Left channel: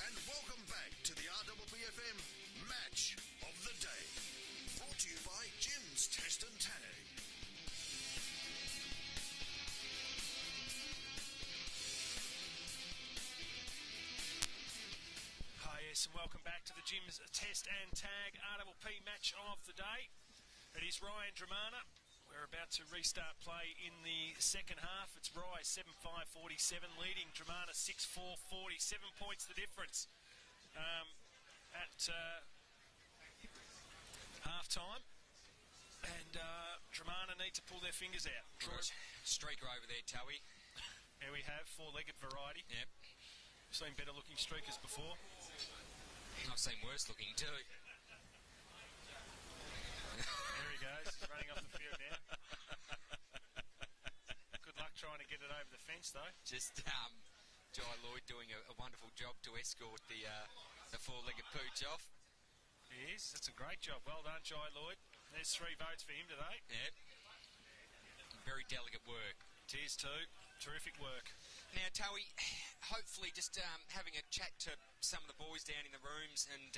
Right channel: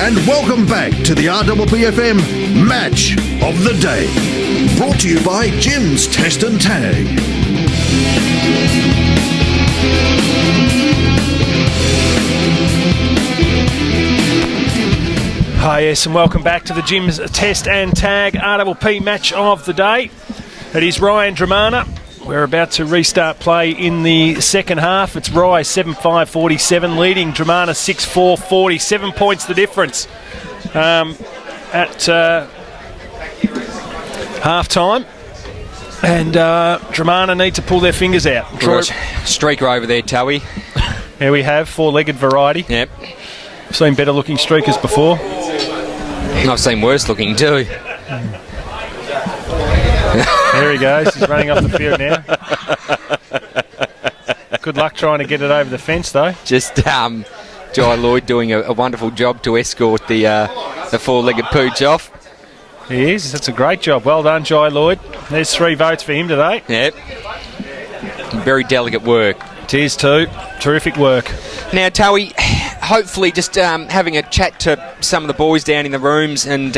And welcome back to the RWPFM Match of the Day. Brought to you by Jim's Test and Tag. Hi, yes, and welcome back to the Jim's Test and Tag RWP Match of the Day. It is Ryan Dromana. We're about to restart play in the second half. It's Rye 7-5-47 leading Dromana 6-4-40. 7 points the difference at half-time. And Dromana need to pull their fingers out. Streaker over there, Towie. Here we have four-legged variety. Yep. I've seen better looking streakers before. I've seen worse looking too. There he goes. He's running off the field now. Good luck trying to get it over the fence, though. Just Jai Lloyd doing a wonderful job to escort the four-legged pooch off. He is. That's a great job. Well done, Jai Lloyd. There's 3 votes for him today. Yep. Very delicate work. It is too. Terrific work. Now, Towie, hopefully just having a chat to some of the boys down in the rooms and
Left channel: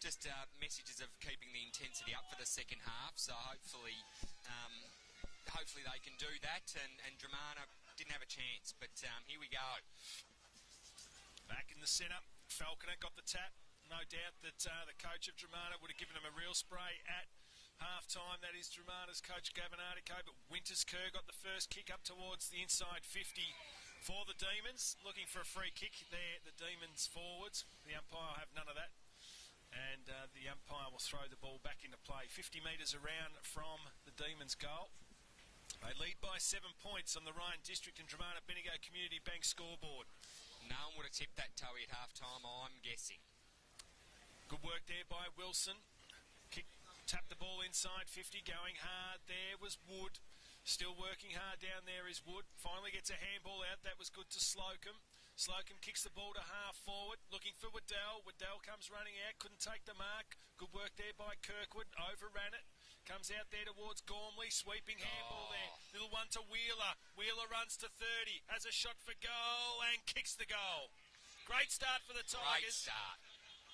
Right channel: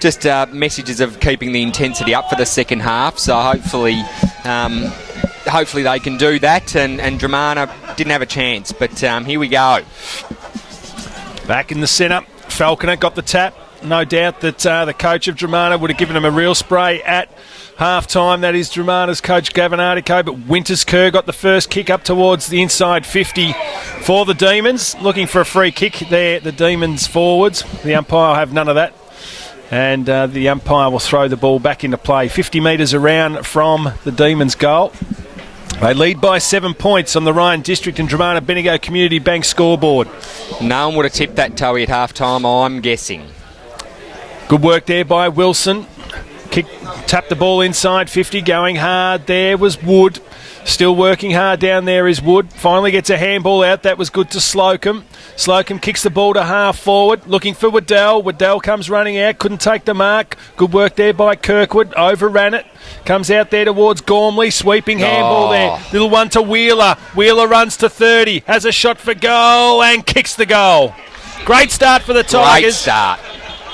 just messages of keeping the intensity up for the second half. So hopefully they can do that. And Dromana didn't have a chance, but here we go. Back in the centre, Falconer got the tap. No doubt that the coach of Dromana would have given him a real spray at half-time. That is Dromana's coach, Gavin Artico, but Winterskerr got the first kick up towards the inside 50 for the Demons. Looking for a free kick there, the Demons forwards. The umpire will have none of that. And the umpire will throw the ball back into play. 50 metres around from the Demons' goal. They lead by 7 points on the Ryan District and Dromana Bendigo Community Bank scoreboard. No one would have tipped that, Towie, at half-time, I'm guessing. Good work there by Wilson. Tapped the ball inside 50, going hard there was Wood. Still working hard down there is Wood. Finally gets a handball out. That was good to Slocum. Slocum kicks the ball to half forward, looking for Waddell. Waddell comes running out, couldn't take the mark. Good work there by Kirkwood, overran it. Comes out there towards Gormley, sweeping handball there. Little one to Wheeler. Wheeler runs to 30, has a shot for goal and kicks the goal. Great start for the Tigers. Great start.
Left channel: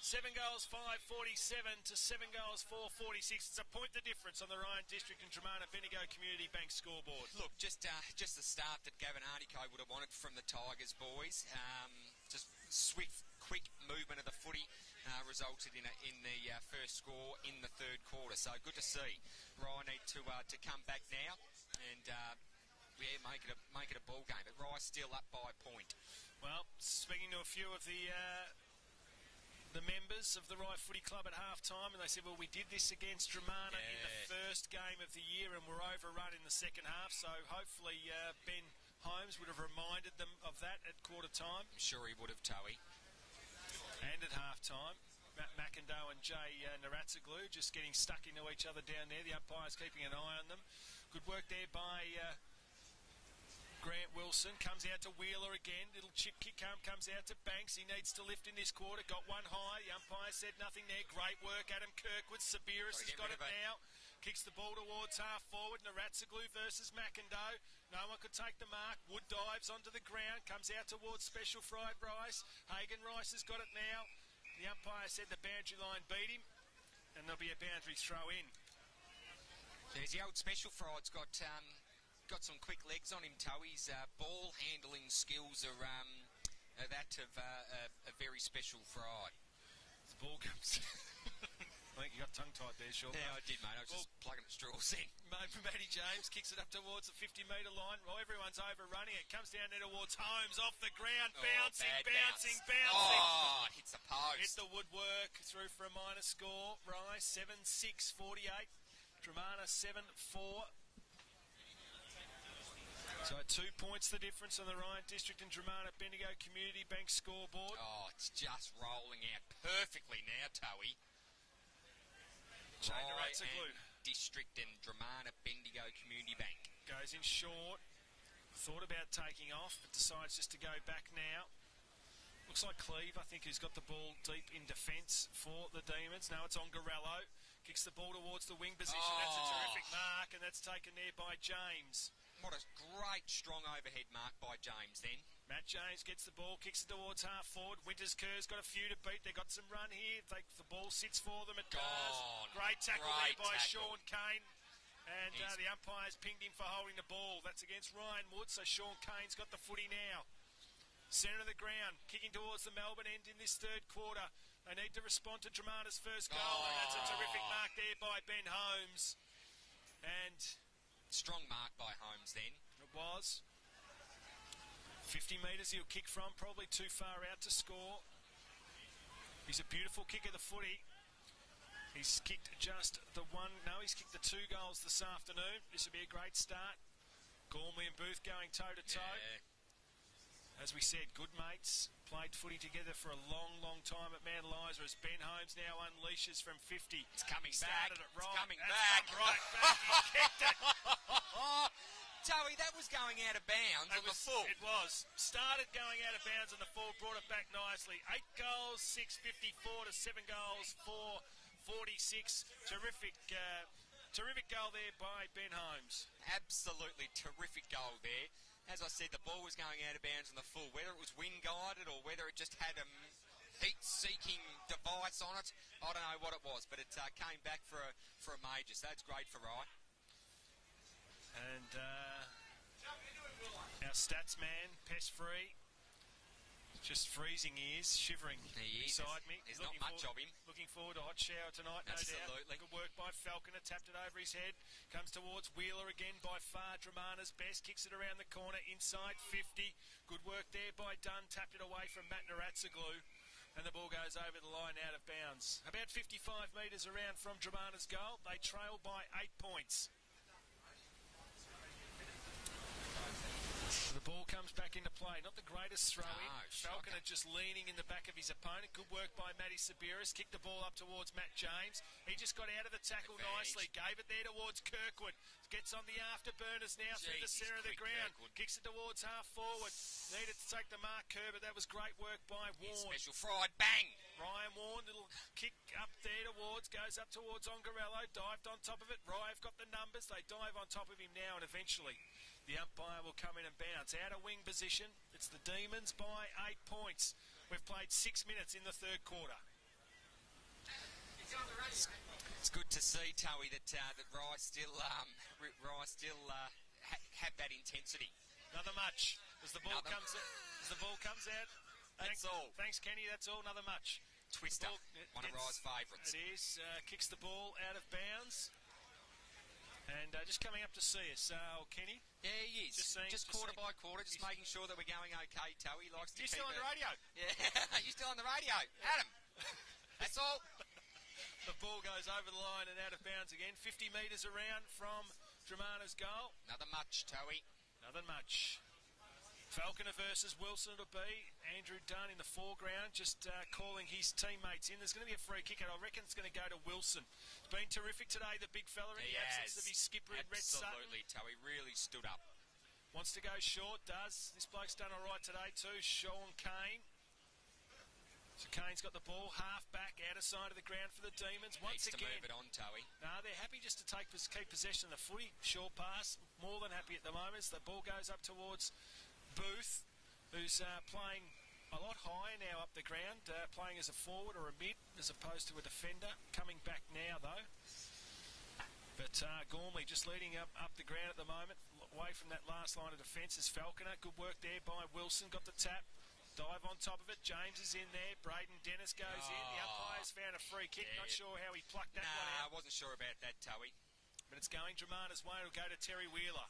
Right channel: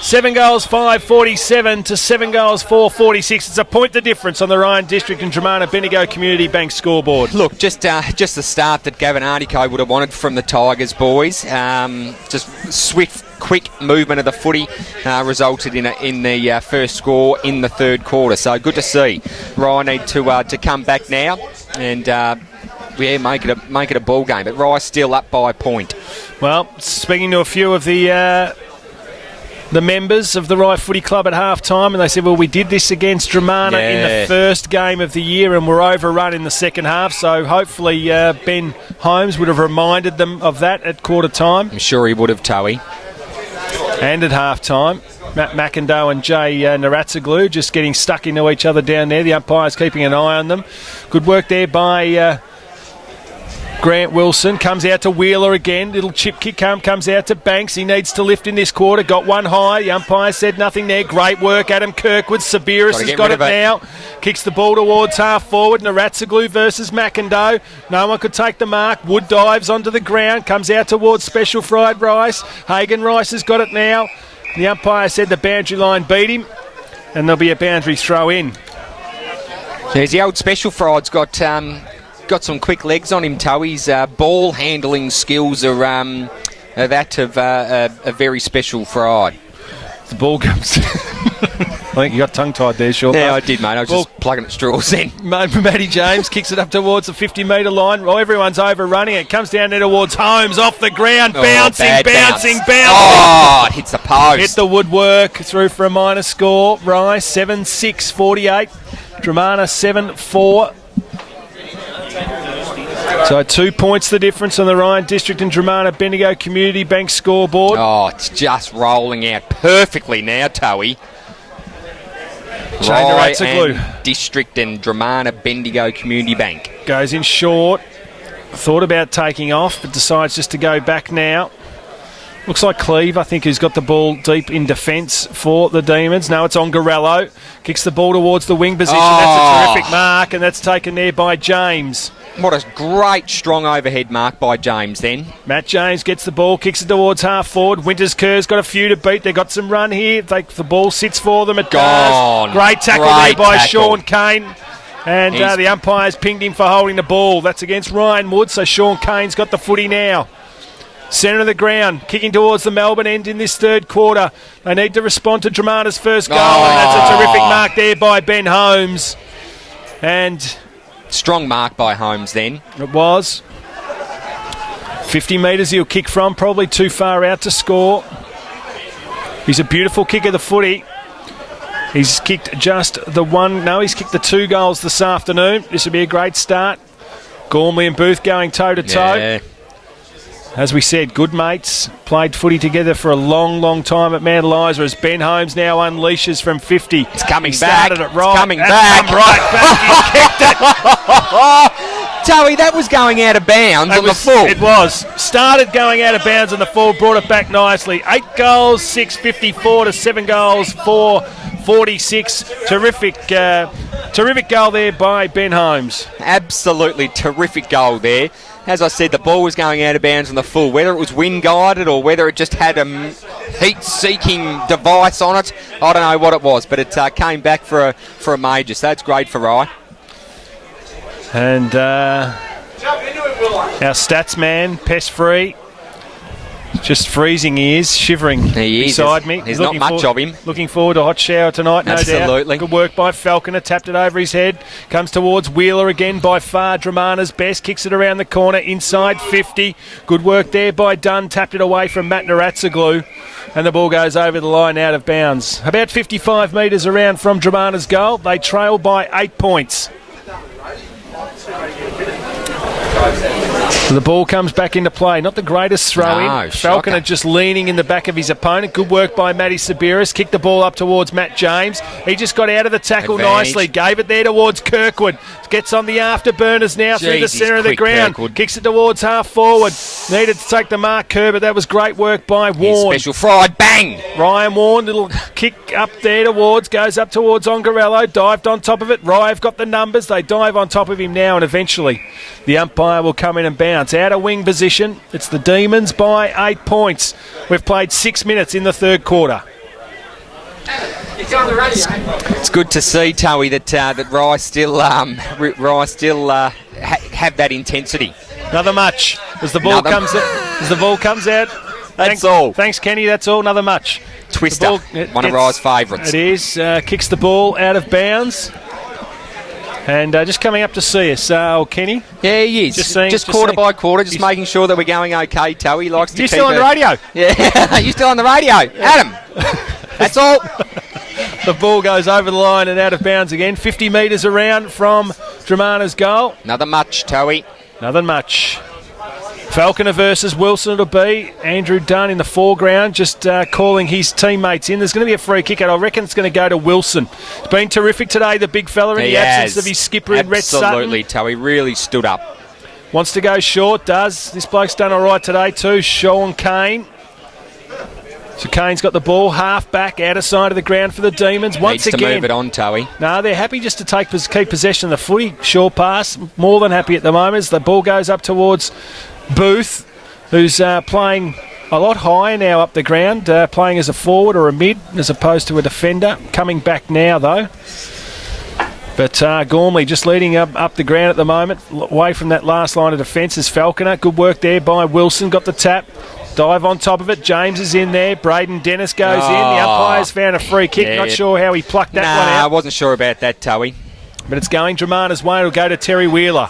7 goals, 5-47 to 7 goals, 4-46. It's a point the difference on the Ryan District and Dromana Bendigo Community Bank scoreboard. Look, just the start that Gavin Artico would have wanted from the Tigers, boys. Just swift, quick movement of the footy resulted in the first score in the third quarter. So good to see. Ryan need to come back now and make it a ball game. But Rye's still up by a point. Well, speaking to a few of the members of the Rye Footy Club at half-time, and they said, well, we did this against Dromana in the first game of the year and were overrun in the second half, so hopefully Ben Holmes would have reminded them of that at quarter time. I'm sure he would have, Towie. And at half-time, Matt McIndoe and Jay Naratsaglu just getting stuck into each other down there. The umpire's keeping an eye on them. Good work there by Grant Wilson. Comes out to Wheeler again. Little chip kick comes out to Banks. He needs to lift in this quarter. Got one high. The umpire said nothing there. Great work, Adam Kirkwood. Sabiris has got it now. Kicks the ball towards half forward. Naratsaglu versus McIndoe. No one could take the mark. Wood dives onto the ground. Comes out towards Special Fried Rice. Hagen Rice has got it now. The umpire said the boundary line beat him, and there'll be a boundary throw in. There's the old Special Fried's got some quick legs on him, Towie's ball handling skills are that of a very special Fried. The ball comes. I think you got tongue-tied there, Sean. Yeah, I did, mate. I was just plugging at straws then. Matty James kicks it up towards the 50-metre line. Well, everyone's overrunning it. Comes down there towards Holmes, off the ground, bouncing. Oh, it hits the post. Hit the woodwork, through for a minor score. Rice 7-6-48. Dromana 7-4. So 2 points the difference on the Ryan District and Dromana Bendigo Community Bank scoreboard. Oh, it's just rolling out perfectly now, Towie. Ryan District and Dromana Bendigo Community Bank. Goes in short. Thought about taking off, but decides just to go back now. Looks like Cleve, I think, who's got the ball deep in defence for the Demons. No, it's on Garello. Kicks the ball towards the wing position. That's a terrific mark, and that's taken there by James. What a great, strong overhead mark by James then. Matt James gets the ball, kicks it towards half forward. Winters Kerr's got a few to beat. They've got some run here. The ball sits for them. It Gone. does. Great tackle there by Sean Kane. And the umpire's pinged him for holding the ball. That's against Ryan Wood, so Sean Kane's got the footy now. Centre of the ground, kicking towards the Melbourne end in this third quarter. They need to respond to Dromana's first goal, and that's a terrific mark there by Ben Holmes. And strong mark by Holmes then. It was. 50 metres he'll kick from, probably too far out to score. He's a beautiful kick of the footy. He's kicked just the one. No, he's kicked the 2 goals this afternoon. This will be a great start. Gormley and Booth going toe-to-toe. Yeah. As we said, good mates, played footy together for a long, long time at Mount Eliza as Ben Holmes now unleashes from 50. It's coming he back. Started it right. It's coming That's back. come right back. He kicked it. Towie, that was going out of bounds on the full. It was. Started going out of bounds on the full, brought it back nicely. 8 goals, 6.54 to 7 goals, 4.46. Terrific goal there by Ben Holmes. Absolutely terrific goal there. As I said, the ball was going out of bounds on the full. Whether it was wind-guided or whether it just had a heat-seeking device on it, I don't know what it was, but it came back for a major, so that's great for Rye. And our stats man, Pest Free, just freezing he is, shivering beside me. There's not much of him. Looking forward to a hot shower tonight, no doubt. Absolutely. Good work by Falconer, tapped it over his head. Comes towards Wheeler again, by far Dromana's best. Kicks it around the corner, inside 50. Good work there by Dunn, tapped it away from Matt Naratsaglu. And the ball goes over the line out of bounds. About 55 metres around from Dromana's goal. They trail by 8 points. So the ball comes back into play. Not the greatest throw-in. Falconer just leaning in the back of his opponent. Good work by Matty Sabiris. Kicked the ball up towards Matt James. He just got out of the tackle nicely. Gave it there towards Kirkwood. Gets on the afterburners now through the centre of the ground. Kirkwood. Kicks it towards half forward. Needed to take the mark, Kerr, but that was great work by Warren. Special fried, bang! Ryan Warren, little kick up there towards, goes up towards Ongarello, dived on top of it. Rye have got the numbers. They dive on top of him now, and eventually the umpire will come in and bounce. Out of wing position, it's the Demons by 8 points. We've played 6 minutes in the third quarter. It's good to see, Towie, that Rye still have that intensity. Another much as the ball comes out. That's all. Thanks, Kenny. That's all. Another much. Twister, one of Rye's favourites. It is. Kicks the ball out of bounds. And just coming up to see us, Kenny. Yeah, he is. Just quarter by quarter, just making sure that we're going okay, Towie. He likes to keep still on the radio? Yeah, you're still on the radio. Adam, that's all. The ball goes over the line and out of bounds again. 50 metres around from Dromana's goal. Another much, Towie. Nothing much. Falconer versus Wilson it'll be. Andrew Dunn in the foreground, just calling his teammates in. There's going to be a free kick, and I reckon it's going to go to Wilson. It's been terrific today, the big fella, in the absence of his skipper in Rhett Sutton. Absolutely, Towie really stood up. Wants to go short, does. This bloke's done all right today too, Sean Kane. So Kane's got the ball, half back, outer side of the ground for the Demons. Once Needs again, to move it on, Towie. No, they're happy just to keep possession of the footy. Short pass, more than happy at the moment. As the ball goes up towards Booth, who's playing a lot higher now up the ground, playing as a forward or a mid as opposed to a defender. Coming back now, though. But Gormley just leading up the ground at the moment, away from that last line of defence is Falconer. Good work there by Wilson, got the tap. Dive on top of it. James is in there. Braden Dennis goes in. The umpire's found a free kick. Yeah. Not sure how he plucked that one out. I wasn't sure about that, Towie. But it's going Dromana's way. It'll go to Terry Wheeler.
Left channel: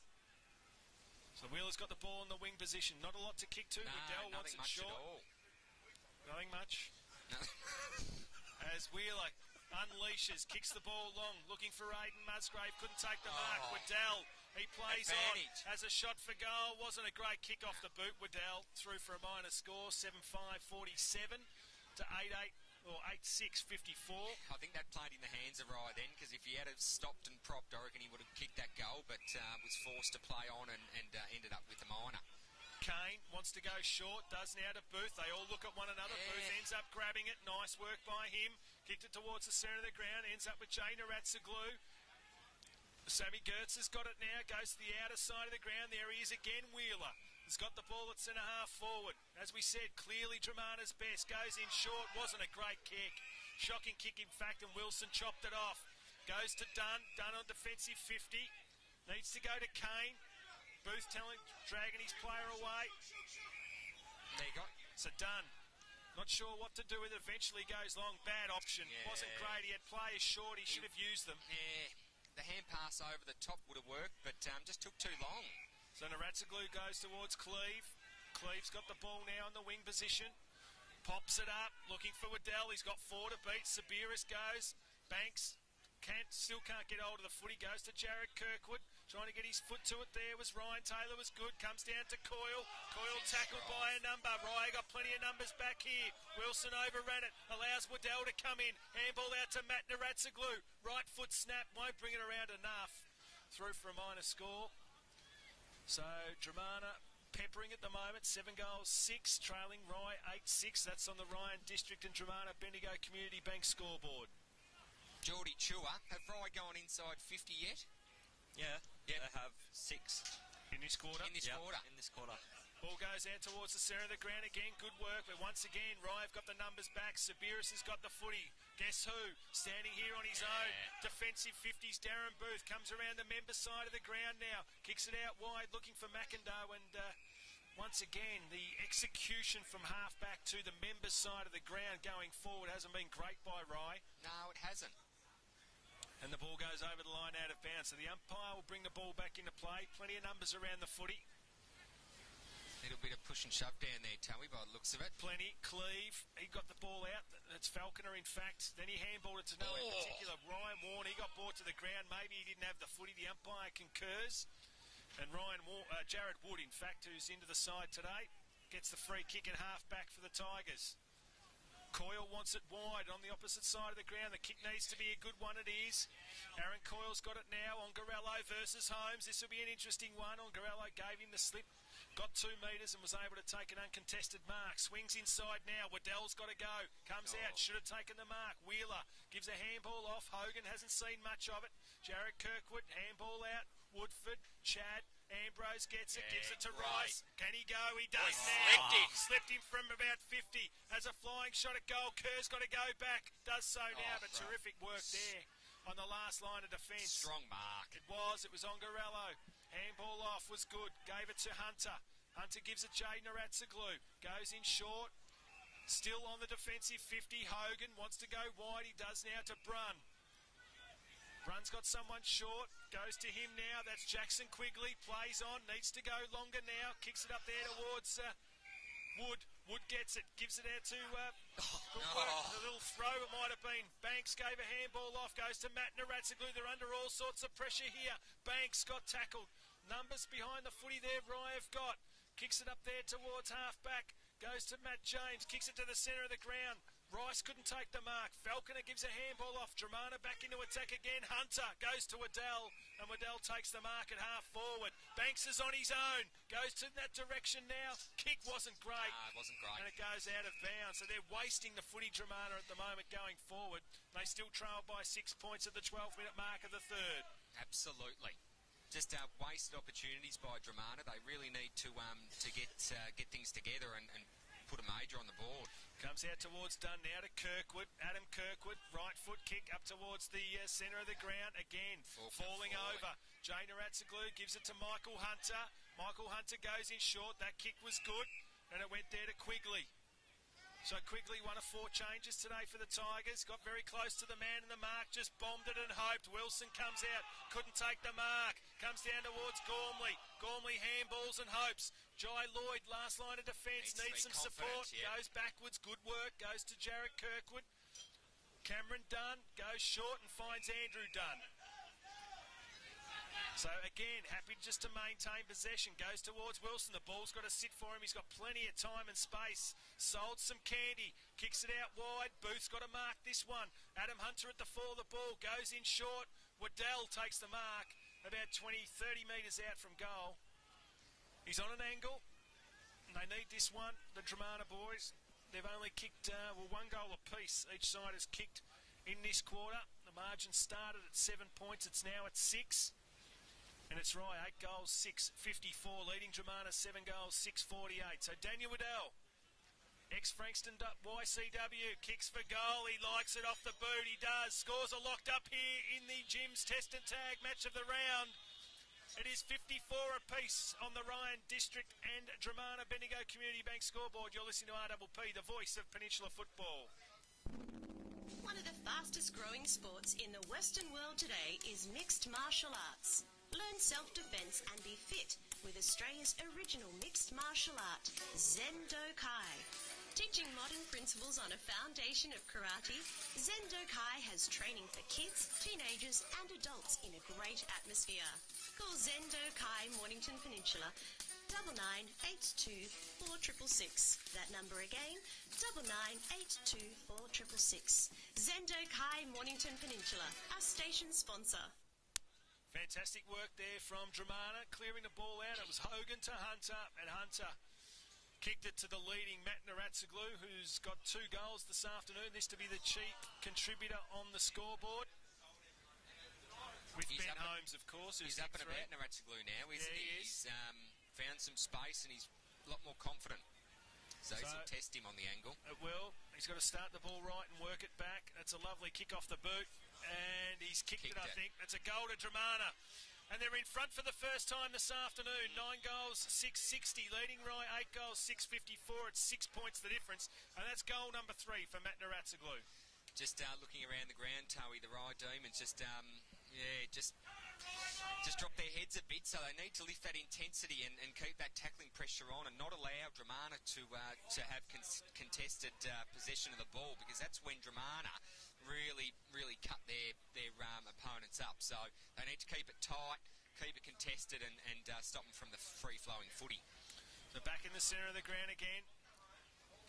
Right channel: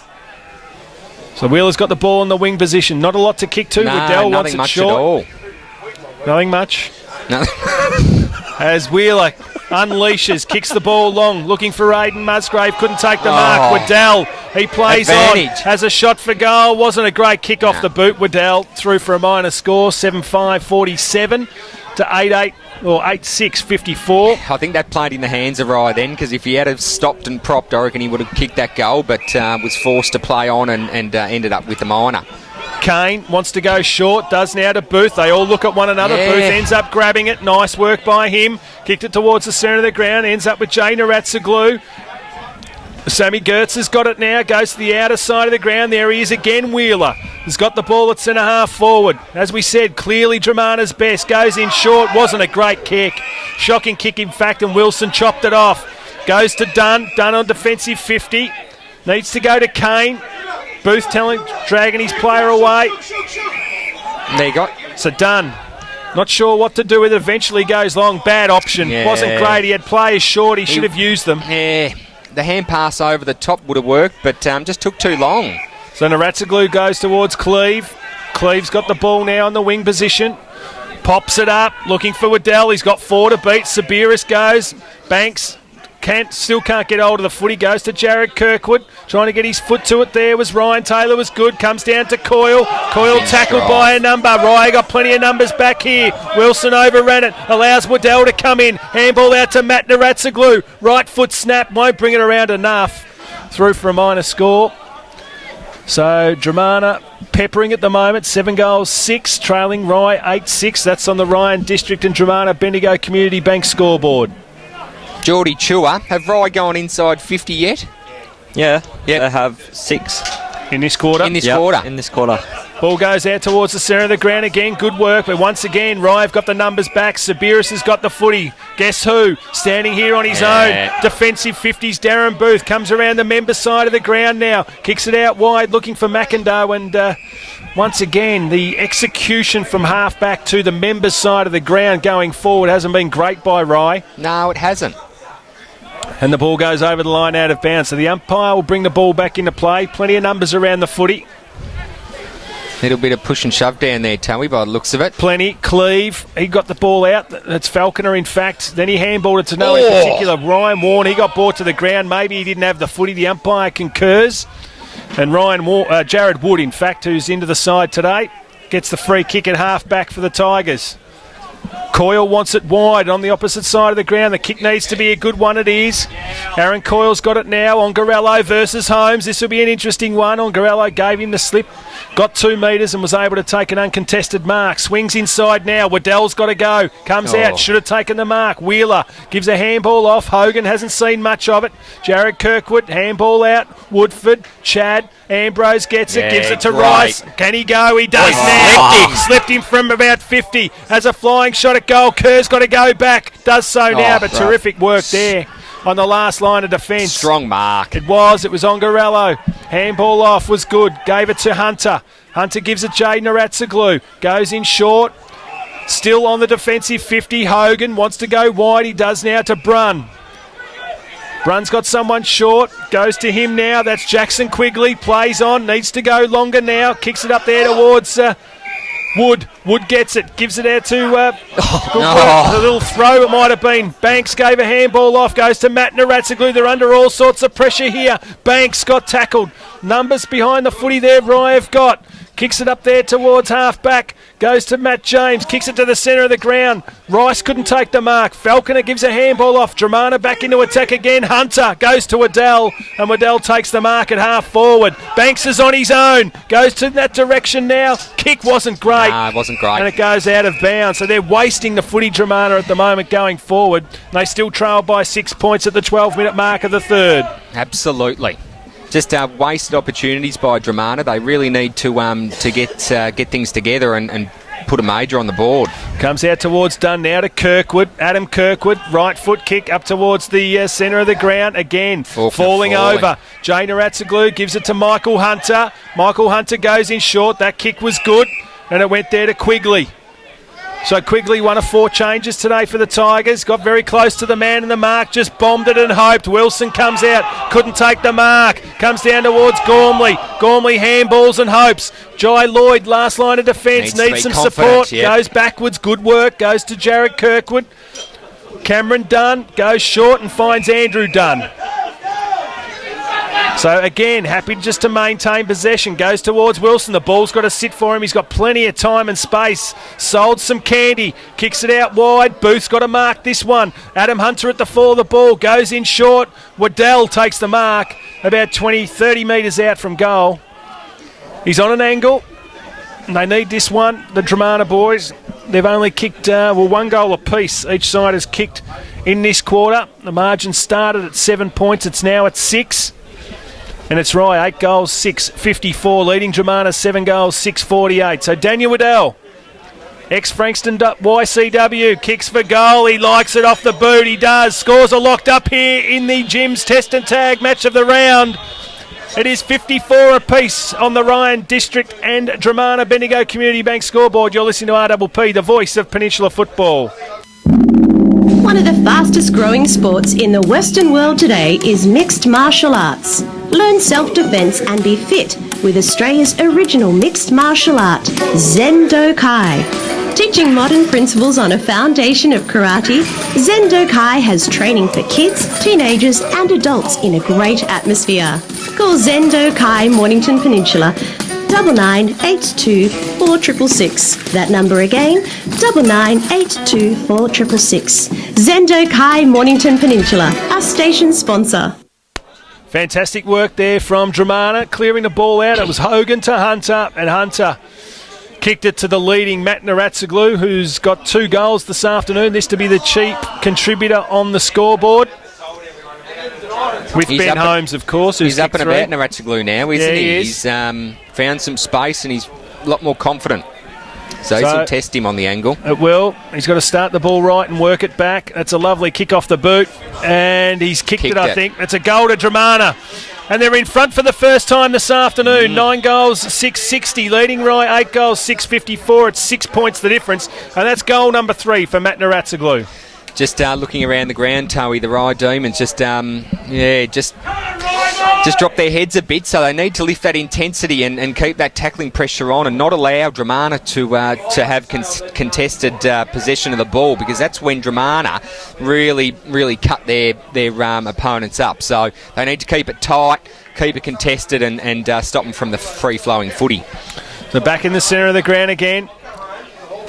So Wheeler's got the ball in the wing position. Not a lot to kick to. Waddell wants it short. Nothing much. As Wheeler unleashes, kicks the ball long, looking for Aidan Musgrave, couldn't take the mark. Waddell, he plays Advantage. on, has a shot for goal. Wasn't a great kick off the boot. Waddell through for a minor score, 7-5-47 to 8-8 or 8-6-54. I think that played in the hands of Rye then, because if he had have stopped and propped, I reckon he would have kicked that goal, but was forced to play on and ended up with the minor. Kane wants to go short, does now to Booth. They all look at one another. Yeah. Booth ends up grabbing it. Nice work by him. Kicked it towards the centre of the ground. Ends up with Jay Naratsaglu. Sammy Gertz has got it now. Goes to the outer side of the ground. There he is again. Wheeler has got the ball at centre half forward. As we said, clearly Dromana's best. Goes in short. Wasn't a great kick. Shocking kick, in fact, and Wilson chopped it off. Goes to Dunn. Dunn on defensive 50. Needs to go to Kane. Booth dragging his player away. There you go. So Dunn, not sure what to do with it. Eventually goes long. Bad option. Yeah. Wasn't great. He had players short. He should have used them. Yeah, the hand pass over the top would have worked, but just took too long. So Naratsaglu goes towards Cleve. Cleve's got the ball now in the wing position. Pops it up, looking for Waddell. He's got 4 to beat. Sabiris goes. Banks still can't get hold of the foot. He goes to Jared Kirkwood. Trying to get his foot to it there was Ryan Taylor, was good. Comes down to Coyle. Coyle tackled by a number. Rye got plenty of numbers back here. Wilson overran it. Allows Waddell to come in. Handball out to Matt Naratsaglu. Right foot snap. Won't bring it around enough. Through for a minor score. So Dromana peppering at the moment. 7 goals, 6. Trailing Rye 8-6. That's on the Ryan District and Dromana Bendigo Community Bank scoreboard. Geordie Chua, have Rye gone inside 50 yet? Yeah, Yep. they have 6 In this quarter. In this Yep, quarter. In this quarter. Ball goes out towards the centre of the ground again. Good work, but once again, Rye have got the numbers back. Sabiris has got the footy. Guess who? Standing here on his own. Defensive 50s, Darren Booth comes around the member side of the ground now. Kicks it out wide, looking for McIndoe, and once again, the execution from half-back to the member side of the ground going forward hasn't been great by Rye. No, it hasn't. And the ball goes over the line out of bounds. So the umpire will bring the ball back into play. Plenty of numbers around the footy. Little bit of push and shove down there, Towie, by the looks of it. Plenty. Cleve, he got the ball out. That's Falconer, in fact. Then he handballed it to no in particular. Ryan Warren, he got brought to the ground. Maybe he didn't have the footy. The umpire concurs. And Jared Wood, in fact, who's into the side today, gets the free kick at half-back for the Tigers. Coyle wants it wide on the opposite side of the ground. The kick needs to be a good one. It is. Aaron Coyle's got it now. Ongarello versus Holmes. This will be an interesting one. Ongarello gave him the slip. Got 2 metres and was able to take an uncontested mark. Swings inside now. Waddell's got to go. Comes out. Should have taken the mark. Wheeler gives a handball off. Hogan hasn't seen much of it. Jared Kirkwood, handball out. Woodford, Chad. Ambrose gets it, gives it to great. Rice. Can he go? He does now. Slipped him from about 50. Has a flying shot at goal. Kerr's got to go back. Does so now, but terrific work there on the last line of defence. Strong mark. It was Ongarello. Handball off was good. Gave it to Hunter. Hunter gives it Jay Naratsaglu. Goes in short. Still on the defensive 50. Hogan wants to go wide. He does now to Brunn. Brunn's got someone short. Goes to him now. That's Jackson Quigley. Plays on. Needs to go longer now. Kicks it up there towards Wood. Wood gets it. Gives it out to a little throw it might have been. Banks gave a handball off. Goes to Matt Naratsaglu. They're under all sorts of pressure here. Banks got tackled. Numbers behind the footy there. Rye have got. Kicks it up there towards half-back. Goes to Matt James. Kicks it to the centre of the ground. Rice couldn't take the mark. Falconer gives a handball off. Dromana back into attack again. Hunter goes to Waddell. And Waddell takes the mark at half-forward. Banks is on his own. Goes to that direction now. Kick wasn't great. Nah, it wasn't great. And it goes out of bounds. So they're wasting the footy, Dromana, at the moment going forward. They still trail by 6 points at the 12-minute mark of the third. Absolutely. Just wasted opportunities by Dromana. They really need to get things together and put a major on the board. Comes out towards Dunn now to Kirkwood. Adam Kirkwood, right foot kick up towards the centre of the ground. Again, falling over. Jay Naratsaglu gives it to Michael Hunter. Michael Hunter goes in short. That kick was good. And it went there to Quigley. So Quigley, 1 of 4 changes today for the Tigers. Got very close to the man in the mark. Just bombed it and hoped. Wilson comes out. Couldn't take the mark. Comes down towards Gormley. Gormley handballs and hopes. Jai Lloyd, last line of defence. Needs some support. Yep. Goes backwards. Good work. Goes to Jared Kirkwood. Cameron Dunn goes short and finds Andrew Dunn. So again, happy just to maintain possession. Goes towards Wilson. The ball's got to sit for him. He's got plenty of time and space. Sold some candy. Kicks it out wide. Booth's got to mark this one. Adam Hunter at the fall of the ball. Goes in short. Waddell takes the mark about 20, 30 metres out from goal. He's on an angle. And they need this one, the Dromana boys. They've only kicked, one goal apiece. Each side has kicked in this quarter. The margin started at 7 points. It's now at 6. And it's Rye, 8 goals, 6.54, leading Dromana 7 goals, 6.48. So Daniel Waddell, ex-Frankston YCW, kicks for goal. He likes it off the boot. He does. Scores are locked up here in the Jim's Test and Tag match of the round. It is 54 apiece on the Ryan District and Dromana Bendigo Community Bank scoreboard. You're listening to RPP, the voice of Peninsula football. One of the fastest growing sports in the Western world today is mixed martial arts. Learn self-defense and be fit with Australia's original mixed martial art, Zendo Kai. Teaching modern principles on a foundation of karate, Zendo Kai has training for kids, teenagers and adults in a great atmosphere. Call Zendo Kai Mornington Peninsula 9982 4666. That number again, 9982 4666. Zendo Kai Mornington Peninsula, our station sponsor. Fantastic work there from Dromana, clearing the ball out. It was Hogan to Hunter, and Hunter kicked it to the leading Matt Naratsoglu, who's got 2 goals this afternoon. This to be the chief contributor on the scoreboard. With Ben Holmes, of course. He's up and about Naratsoglu now, isn't he? He's found some space and he's a lot more confident. So this will test him on the angle. It will. He's got to start the ball right and work it back. That's a lovely kick off the boot. And he's kicked it, I think. It's a goal to Dromana. And they're in front for the first time this afternoon. 9 goals, 6.60. Leading Rye, 8 goals, 6.54. It's 6 points the difference. And that's goal number 3 for Matt Naratsoglu. Just looking around the ground, Towie, the Rye Demons just drop their heads a bit, so they need to lift that intensity and keep that tackling pressure on and not allow Dromana to have contested possession of the ball, because that's when Dromana really cut their opponents up. So they need to keep it tight, keep it contested and stop them from the free-flowing footy. So back in the centre of the ground again.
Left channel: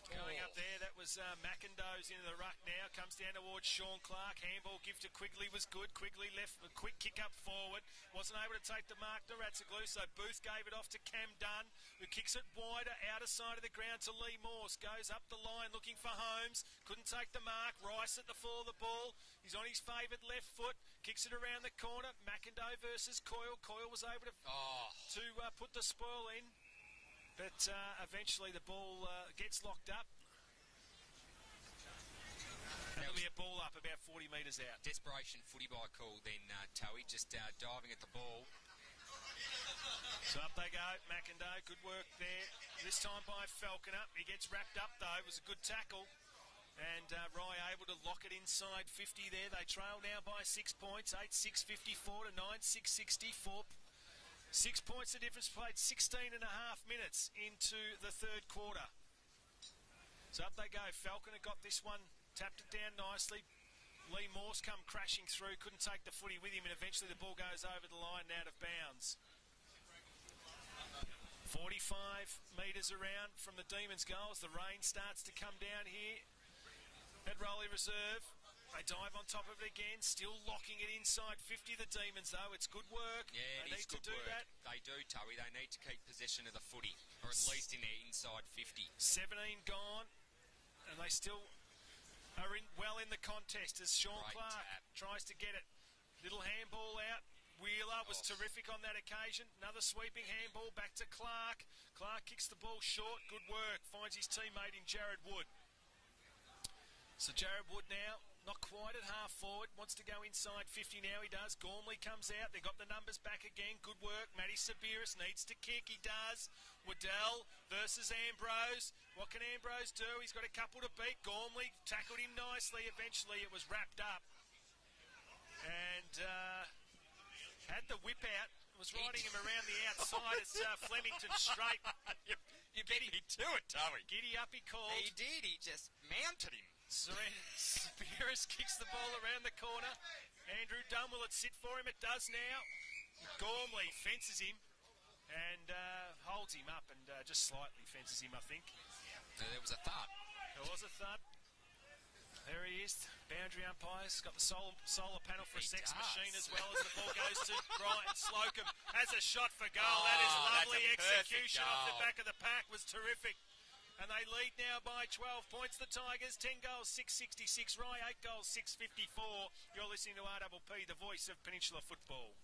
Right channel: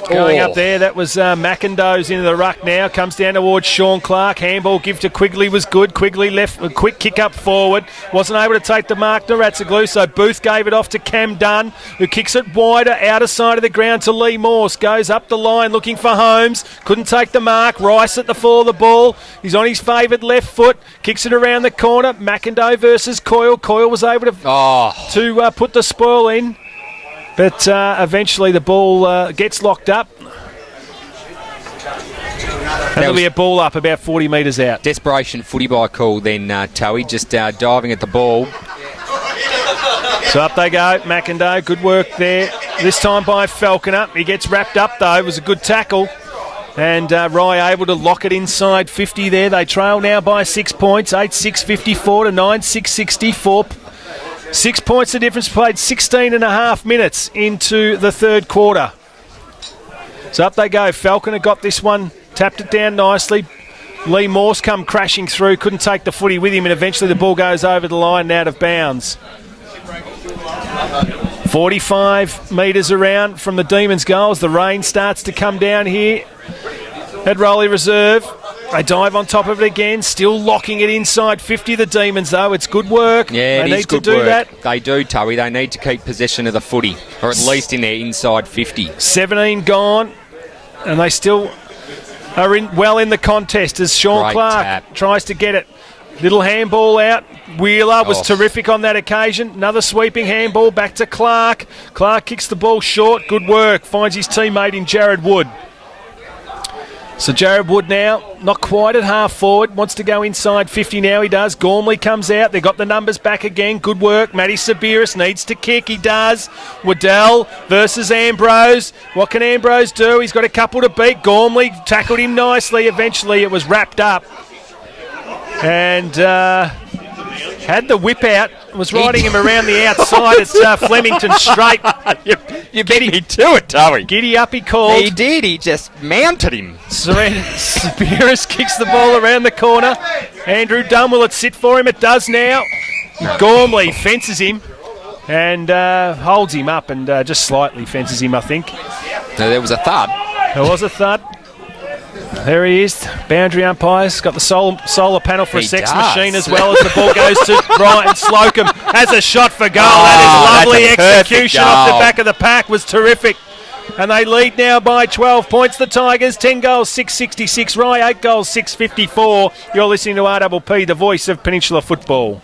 Going up there, that was McIndoe's into the ruck now. Comes down towards Sean Clark. Handball give to Quigley was good. Quigley left a quick kick up forward. Wasn't able to take the mark to Naratsoglu, so Booth gave it off to Cam Dunn, who kicks it wider, outer side of the ground to Lee Morse. Goes up the line looking for Holmes. Couldn't take the mark. Rice at the fall of the ball. He's on his favoured left foot. Kicks it around the corner. McIndoe versus Coyle. Coyle was able to put the spoil in. But eventually the ball gets locked up. And there'll be a ball up about 40 metres out. Desperation footy by call then, Towie, just diving at the ball. So up they go, McIndoe, good work there. This time by Falconer. He gets wrapped up though, it was a good tackle. And Rye able to lock it inside 50 there. They trail now by 6 points, 8-6-54 to 9-6-64. 6 points the difference, played 16 and a half minutes into the third quarter. So up they go. Falconer got this one, tapped it down nicely. Lee Morse come crashing through, couldn't take the footy with him, and eventually the ball goes over the line and out of bounds. 45 metres around from the Demons' goals. The rain starts to come down here at Rowley Reserve. They dive on top of it again, still locking it inside 50, the Demons, though. It's good work. Yeah, they need to do that. They do, Towie. They need to keep possession of the footy, or at least in their inside 50. 17 gone, and they still are well in the contest as Sean Clark tries to get it. Little handball out. Wheeler was terrific on that occasion. Another sweeping handball back to Clark. Clark kicks the ball short. Good work. Finds his teammate in Jared Wood. So Jared Wood now, not quite at half forward, wants to go inside 50 now, he does. Gormley comes out, they've got the numbers back again, good work. Matty Sabiris needs to kick, he does. Waddell versus Ambrose. What can Ambrose do? He's got a couple to beat. Gormley tackled him nicely, eventually it was wrapped up. And had the whip out, was riding him around the outside at Flemington Straight. You beat me to it, Towie. Giddy up, he called. He did, he just mounted him. Sabiris kicks the ball around the corner. Andrew Dunn, will it sit for him? It does now. Gormley fences him and holds him up and just slightly fences him, I think. No, there was a thud. There was a thud. There he is. Boundary umpire's got the solar panel for a He sex does. machine as well as the ball goes to Ryan Slocum. Has a shot for goal. That is lovely that's a perfect execution off the goal. back of the pack. Was terrific. And they lead now by 12 points. The Tigers, 10 goals, 666. Rye, 8 goals, 654. You're listening to RPP, the voice of Peninsula football.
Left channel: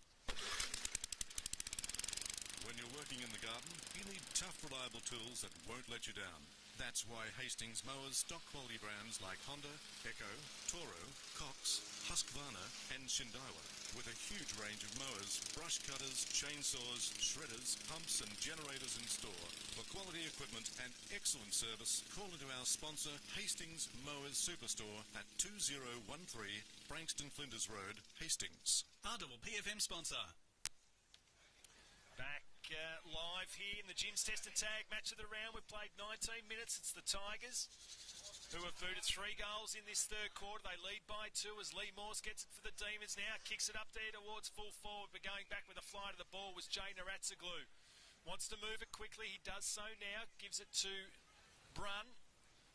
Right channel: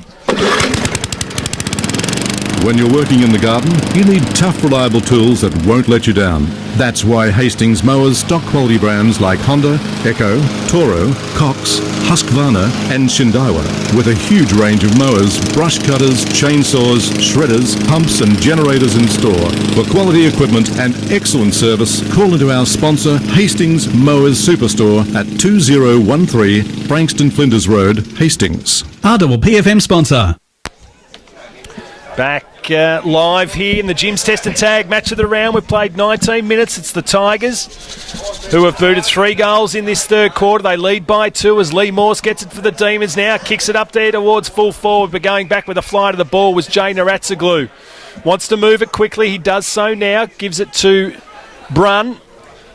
When you're working in the garden, you need tough, reliable tools that won't let you down. That's why Hastings mowers stock quality brands like Honda, Echo, Toro, Cox, Husqvarna and Shindaiwa. With a huge range of mowers, brush cutters, chainsaws, shredders, pumps and generators in store. For quality equipment and excellent service, call into our sponsor Hastings Mowers Superstore at 2013 Frankston Flinders Road, Hastings. RPPFM sponsor. Back live here in the Jim's Test and Tag match of the round. We've played 19 minutes. It's the Tigers who have booted 3 goals in this third quarter. They lead by 2 as Lee Morse gets it for the Demons now. Kicks it up there towards full forward, but going back with a fly to the ball was Jay Naratsaglu. Wants to move it quickly. He does so now. Gives it to Brun.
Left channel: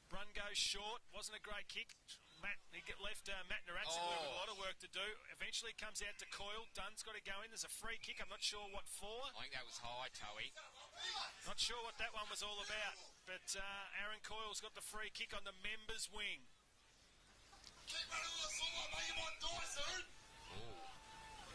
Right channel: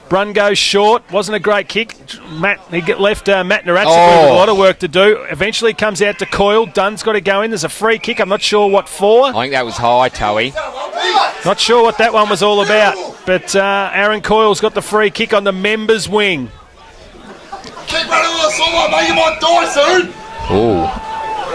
Brun goes short. Wasn't a great kick. Matt Naratsaglu with a lot of work to do. Eventually comes out to Coyle. Dunn's got to go in. There's a free kick. I'm not sure what for. I think that was high, Toey. Not sure what that one was all about. But Aaron Coyle's got the free kick on the members' wing. Keep running on the sideline, mate. You might die soon. Oh,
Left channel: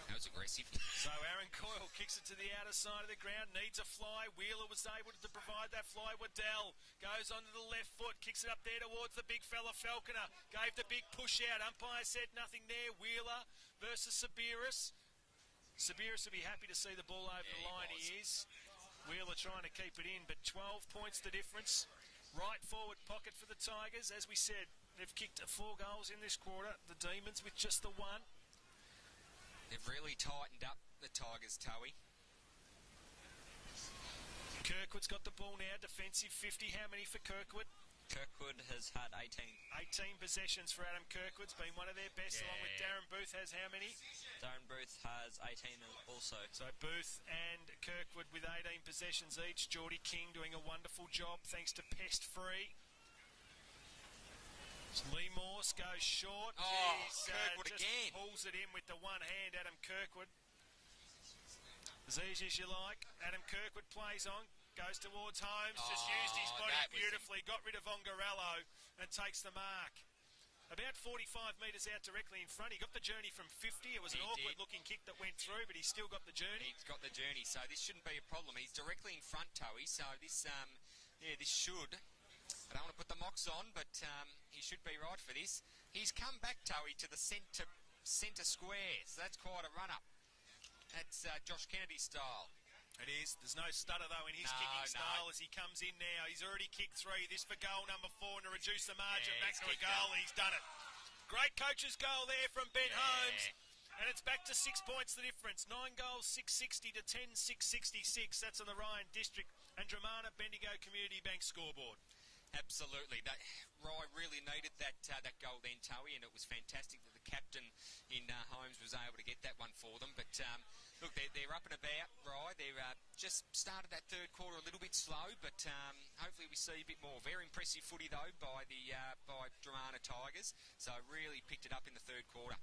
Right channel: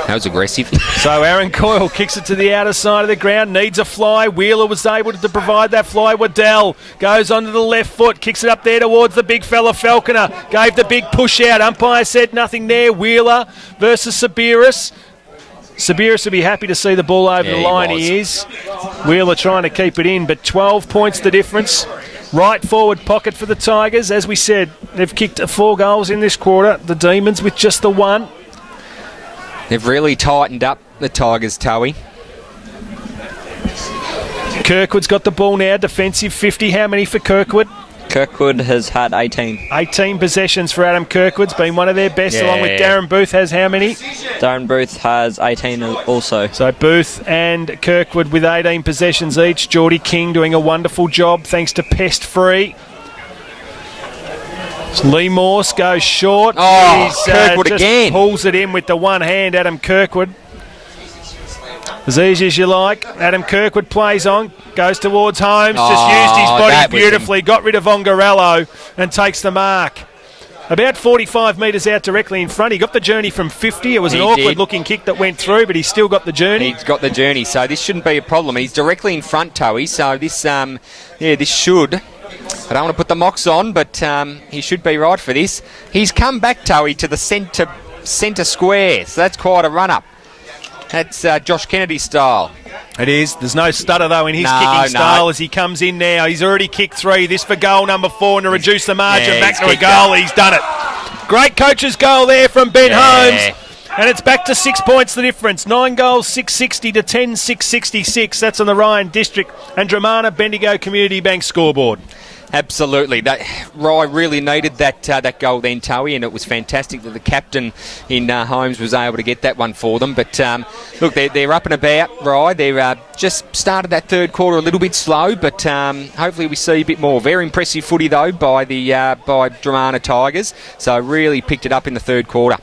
that was aggressive. So Aaron Coyle kicks it to the outer side of the ground, needs a fly. Wheeler was able to provide that fly. Waddell goes onto the left foot, kicks it up there towards the big fella Falconer. Gave the big push out. Umpire said nothing there. Wheeler versus Sabiris. Sabiris will be happy to see the ball over the line. He is. Wheeler trying to keep it in, but 12 points the difference. Right forward pocket for the Tigers. As we said, they've kicked 4 goals in this quarter. The Demons with just the 1. They've really tightened up the Tigers, Toey. Kirkwood's got the ball now. Defensive 50. How many for Kirkwood? Kirkwood has had 18. 18 possessions for Adam Kirkwood's been one of their best, along with Darren Booth has how many? Darren Booth has 18 also. So Booth and Kirkwood with 18 possessions each. Geordie King doing a wonderful job thanks to Pest Free. Lee Morse goes short. Kirkwood just again. Pulls it in with the one hand, Adam Kirkwood. As easy as you like. Adam Kirkwood plays on, goes towards Holmes, just used his body beautifully, got rid of Ongarello and takes the mark. About 45 metres out directly in front. He got the journey from 50. It was an awkward-looking kick that went through, but he still got the journey. He's got the journey, so this shouldn't be a problem. He's directly in front, Toey, so this, this should... I don't want to put the mocks on, but he should be right for this. He's come back, Toey, to the centre square, so that's quite a run-up. That's Josh Kennedy style. It is. There's no stutter, though, in his kicking style as he comes in now. He's already kicked 3. This for goal number 4 and to reduce the margin back to a goal. He's done it. Great coach's goal there from Ben Holmes. And it's back to 6 points the difference. 9 goals, 660 to 10, 666. That's on the Ryan District and Dromana Bendigo Community Bank scoreboard. Absolutely. Rye really needed that goal then, Toey, and it was fantastic that the captain in Holmes was able to get that one for them. But look, they're up and about, Rye. They've just started that third quarter a little bit slow, but hopefully we see a bit more. Very impressive footy, though, by Dromana Tigers. So really picked it up in the third quarter.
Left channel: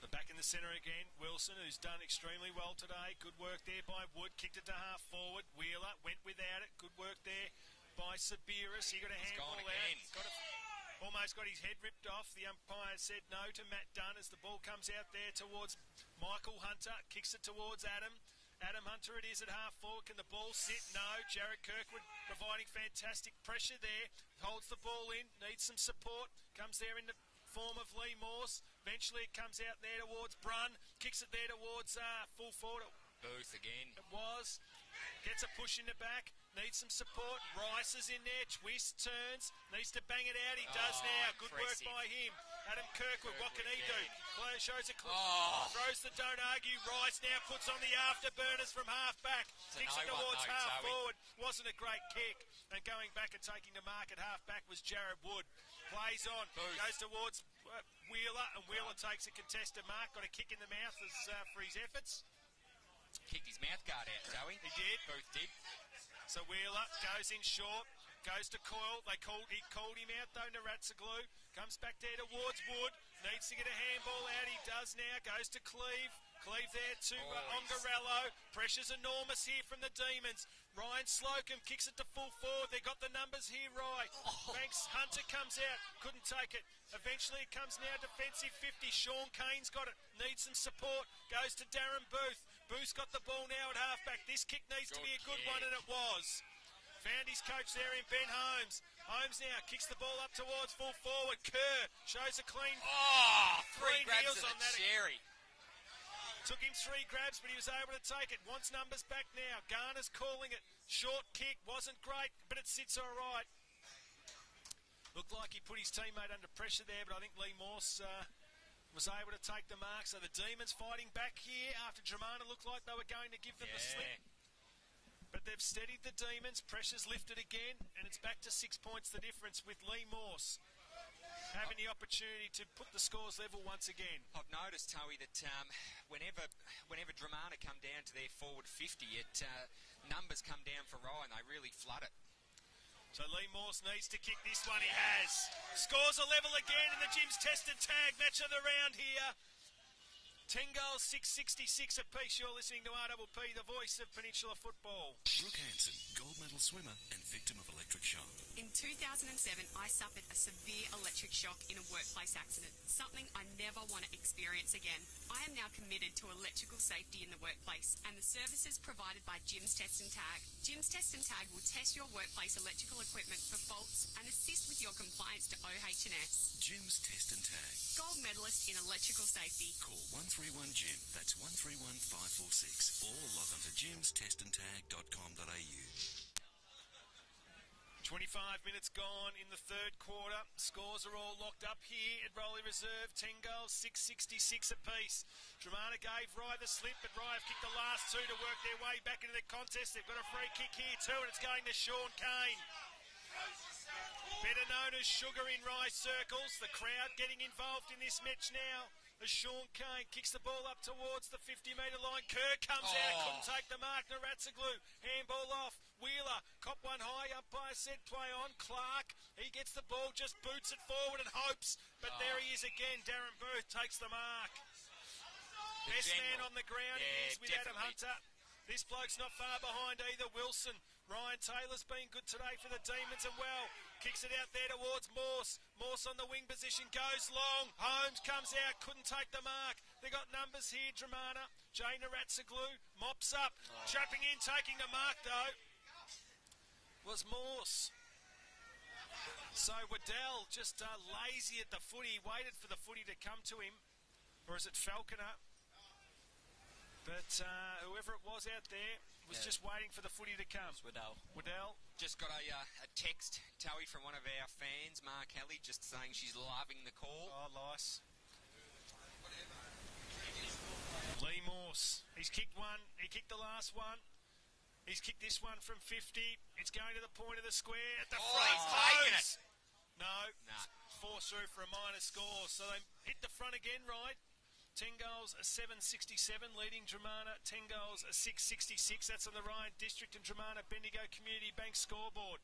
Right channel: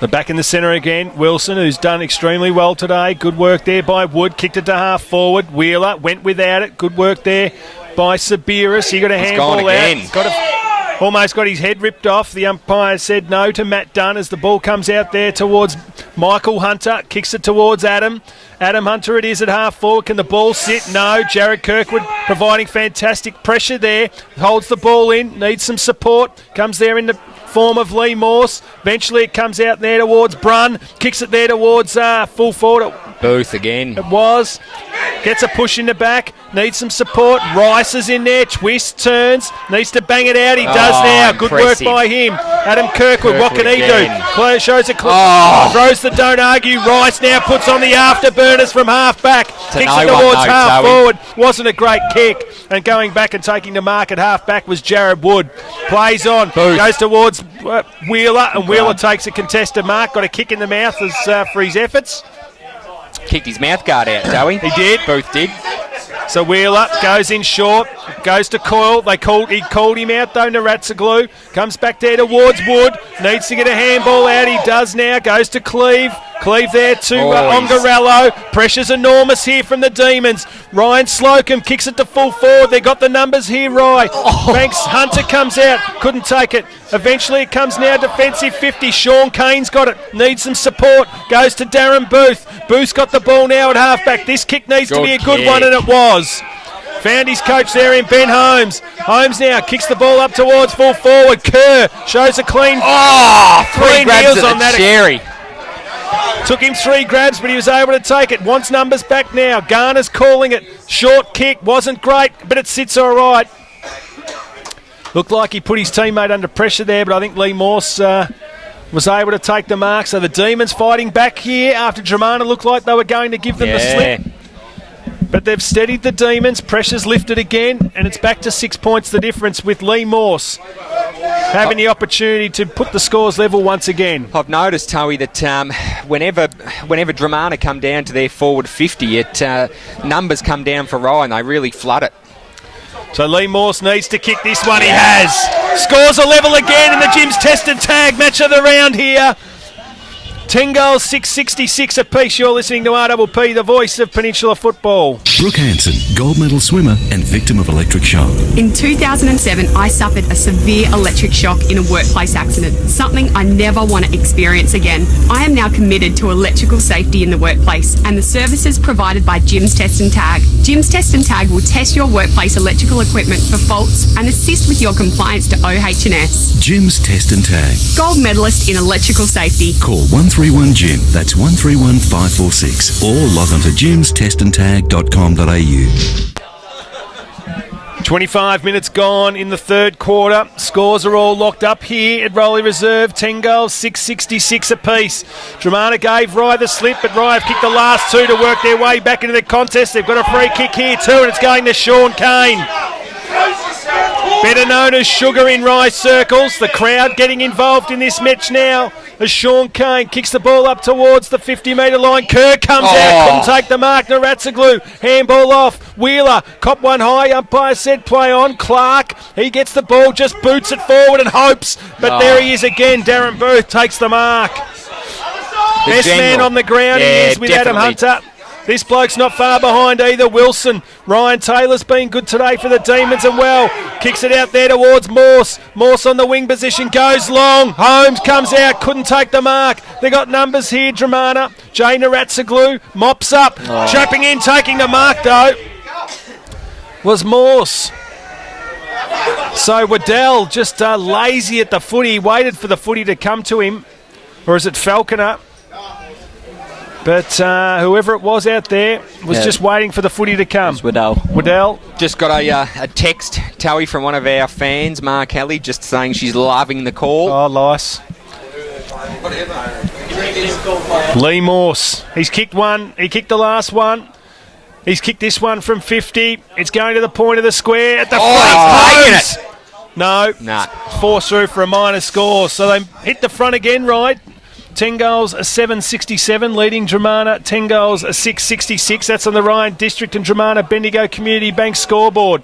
The back in the centre again, Wilson, who's done extremely well today. Good work there by Wood. Kicked it to half forward. Wheeler went without it. Good work there by Sabiris. He got a handball out. Almost got his head ripped off. The umpire said no to Matt Dunn as the ball comes out there towards Michael Hunter. Kicks it towards Adam. Adam Hunter it is at half forward. Can the ball sit? No. Jared Kirkwood providing fantastic pressure there. Holds the ball in. Needs some support. Comes there in the form of Lee Morse. Eventually it comes out there towards Brun. Kicks it there towards full forward. Booth again. It was. Gets a push in the back. Needs some support. Rice is in there. Twist, turns. Needs to bang it out. He does now. Good work by him. Adam Kirkwood. What can he do? Shows a clip. Throws the don't argue. Rice now puts on the afterburners from half back. Kicks it towards half forward. Wasn't a great kick. And going back and taking the mark at half back was Jared Wood. Plays on. Booth. Goes towards Wheeler. And Wheeler takes a contested mark. Got a kick in the mouth for his efforts. Kicked his mouth guard out, Toey. He did. Booth did. So Wheeler goes in short, goes to Coyle. He called him out though, Naratsaglu. Comes back there towards Wood. Needs to get a handball out. He does now. Goes to Cleve. Cleve there to Ongarello. Pressure's enormous here from the Demons. Ryan Slocum kicks it to full forward. They got the numbers here, Rye. Banks Hunter comes out. Couldn't take it. Eventually it comes now defensive 50. Sean Kane's got it. Needs some support. Goes to Darren Booth. Booth's got the ball now at halfback. This kick needs to be a good one, and it was. Found his coach there in Ben Holmes. Holmes now kicks the ball up towards full forward. Kerr shows a clean. Three grabs on that. Cherry. Took him 3 grabs, but he was able to take it. Wants numbers back now. Garner's calling it. Short kick. Wasn't great, but it sits all right. Looked like he put his teammate under pressure there, but I think Lee Morse was able to take the mark. So the Demons fighting back here after Dromana looked like they were going to give them the slip. But they've steadied the Demons. Pressure's lifted again, and it's back to 6 points the difference with Lee Morse having the opportunity to put the scores level once again. I've noticed, Toey, that whenever Dromana come down to their forward 50, numbers come down for Rye and they really flood it. So Lee Morse needs to kick this one. He has. Scores a level again in the Jim's Test and Tag match of the round here. 10 goals, 666 apiece. You're listening to RPP, the voice of Peninsula football. Brooke Hanson, gold medal swimmer and victim of electric shock. In 2007, I suffered a severe electric shock in a workplace accident, something I never want to experience again. I am now committed to electrical safety in the workplace and the services provided by Jim's Test and Tag. Jim's Test and Tag will test your workplace electrical equipment for faults and assist with your compliance to OH&S. Jim's Test and Tag. Gold medalist in electrical safety. Call 131-JIM, that's 131-546, or log on to jimstestandtag.com.au. 25 minutes gone in the third quarter. Scores are all locked up here at Rowley Reserve. 10 goals, 666 apiece. Dromana gave Rye the slip, but Rye have kicked the last 2 to work their way back into the contest. They've got a free kick here too, and it's going to Sean Kane. Better known as Sugar in Rye circles. The crowd getting involved in this match now as Sean Kane kicks the ball up towards the 50-metre line. Kerr comes out, couldn't take the mark. Naratsaglu, handball off. Wheeler, cop one high. Umpire said play on. Clark, he gets the ball, just boots it forward and hopes. But there he is again. Darren Booth takes the mark. Best man on the ground he is with definitely. Adam Hunter. This bloke's not far behind either. Wilson. Ryan Taylor's been good today for the Demons and well. Kicks it out there towards Morse. Morse on the wing position. Goes long. Holmes comes out. Couldn't take the mark. They got numbers here. Dromana. Jay Naratsaglu mops up. Trapping in. Taking the mark though was Morse. So Waddell just lazy at the footy. Waited for the footy to come to him. Or is it Falconer? But whoever it was out there was just waiting for the footy to come. It's Waddell. Waddell. Just got a text, Towie, from one of our fans, Mark Halley, just saying she's loving the call. Oh, nice. Lee Morse. He's kicked one. He kicked the last one. He's kicked this one from 50. It's going to the point of the square at the front. No. Nah. Force through for a minor score. So they hit the front again, right? 10 goals, a 767, leading Dromana. 10 goals, a 666. That's on the Ryan District and Dromana Bendigo Community Bank scoreboard.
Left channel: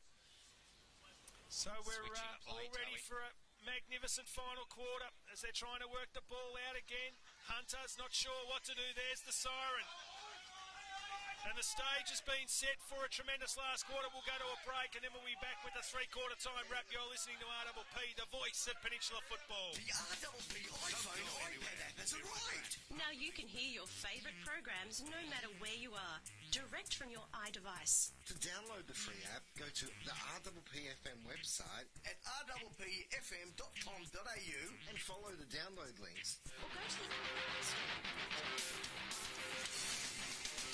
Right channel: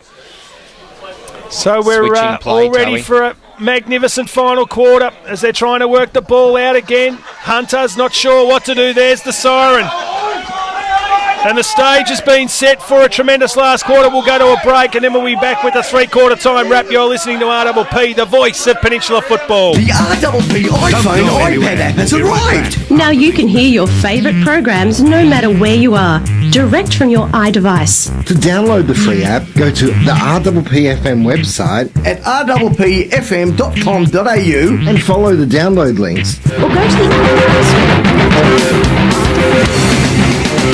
So we're all ready for a magnificent final quarter as they're trying to work the ball out again. Hunter's not sure what to do. There's the siren. And the stage has been set for a tremendous last quarter. We'll go to a break and then we'll be back with a three-quarter time wrap. You're listening to RPP, the voice of Peninsula football. The RPP iPhone iPad app has arrived. Now you can hear your favourite programs no matter where you are, direct from your iDevice. To download the free app, go to the RPPFM website At rppfm.com.au and follow the download links. Or go to the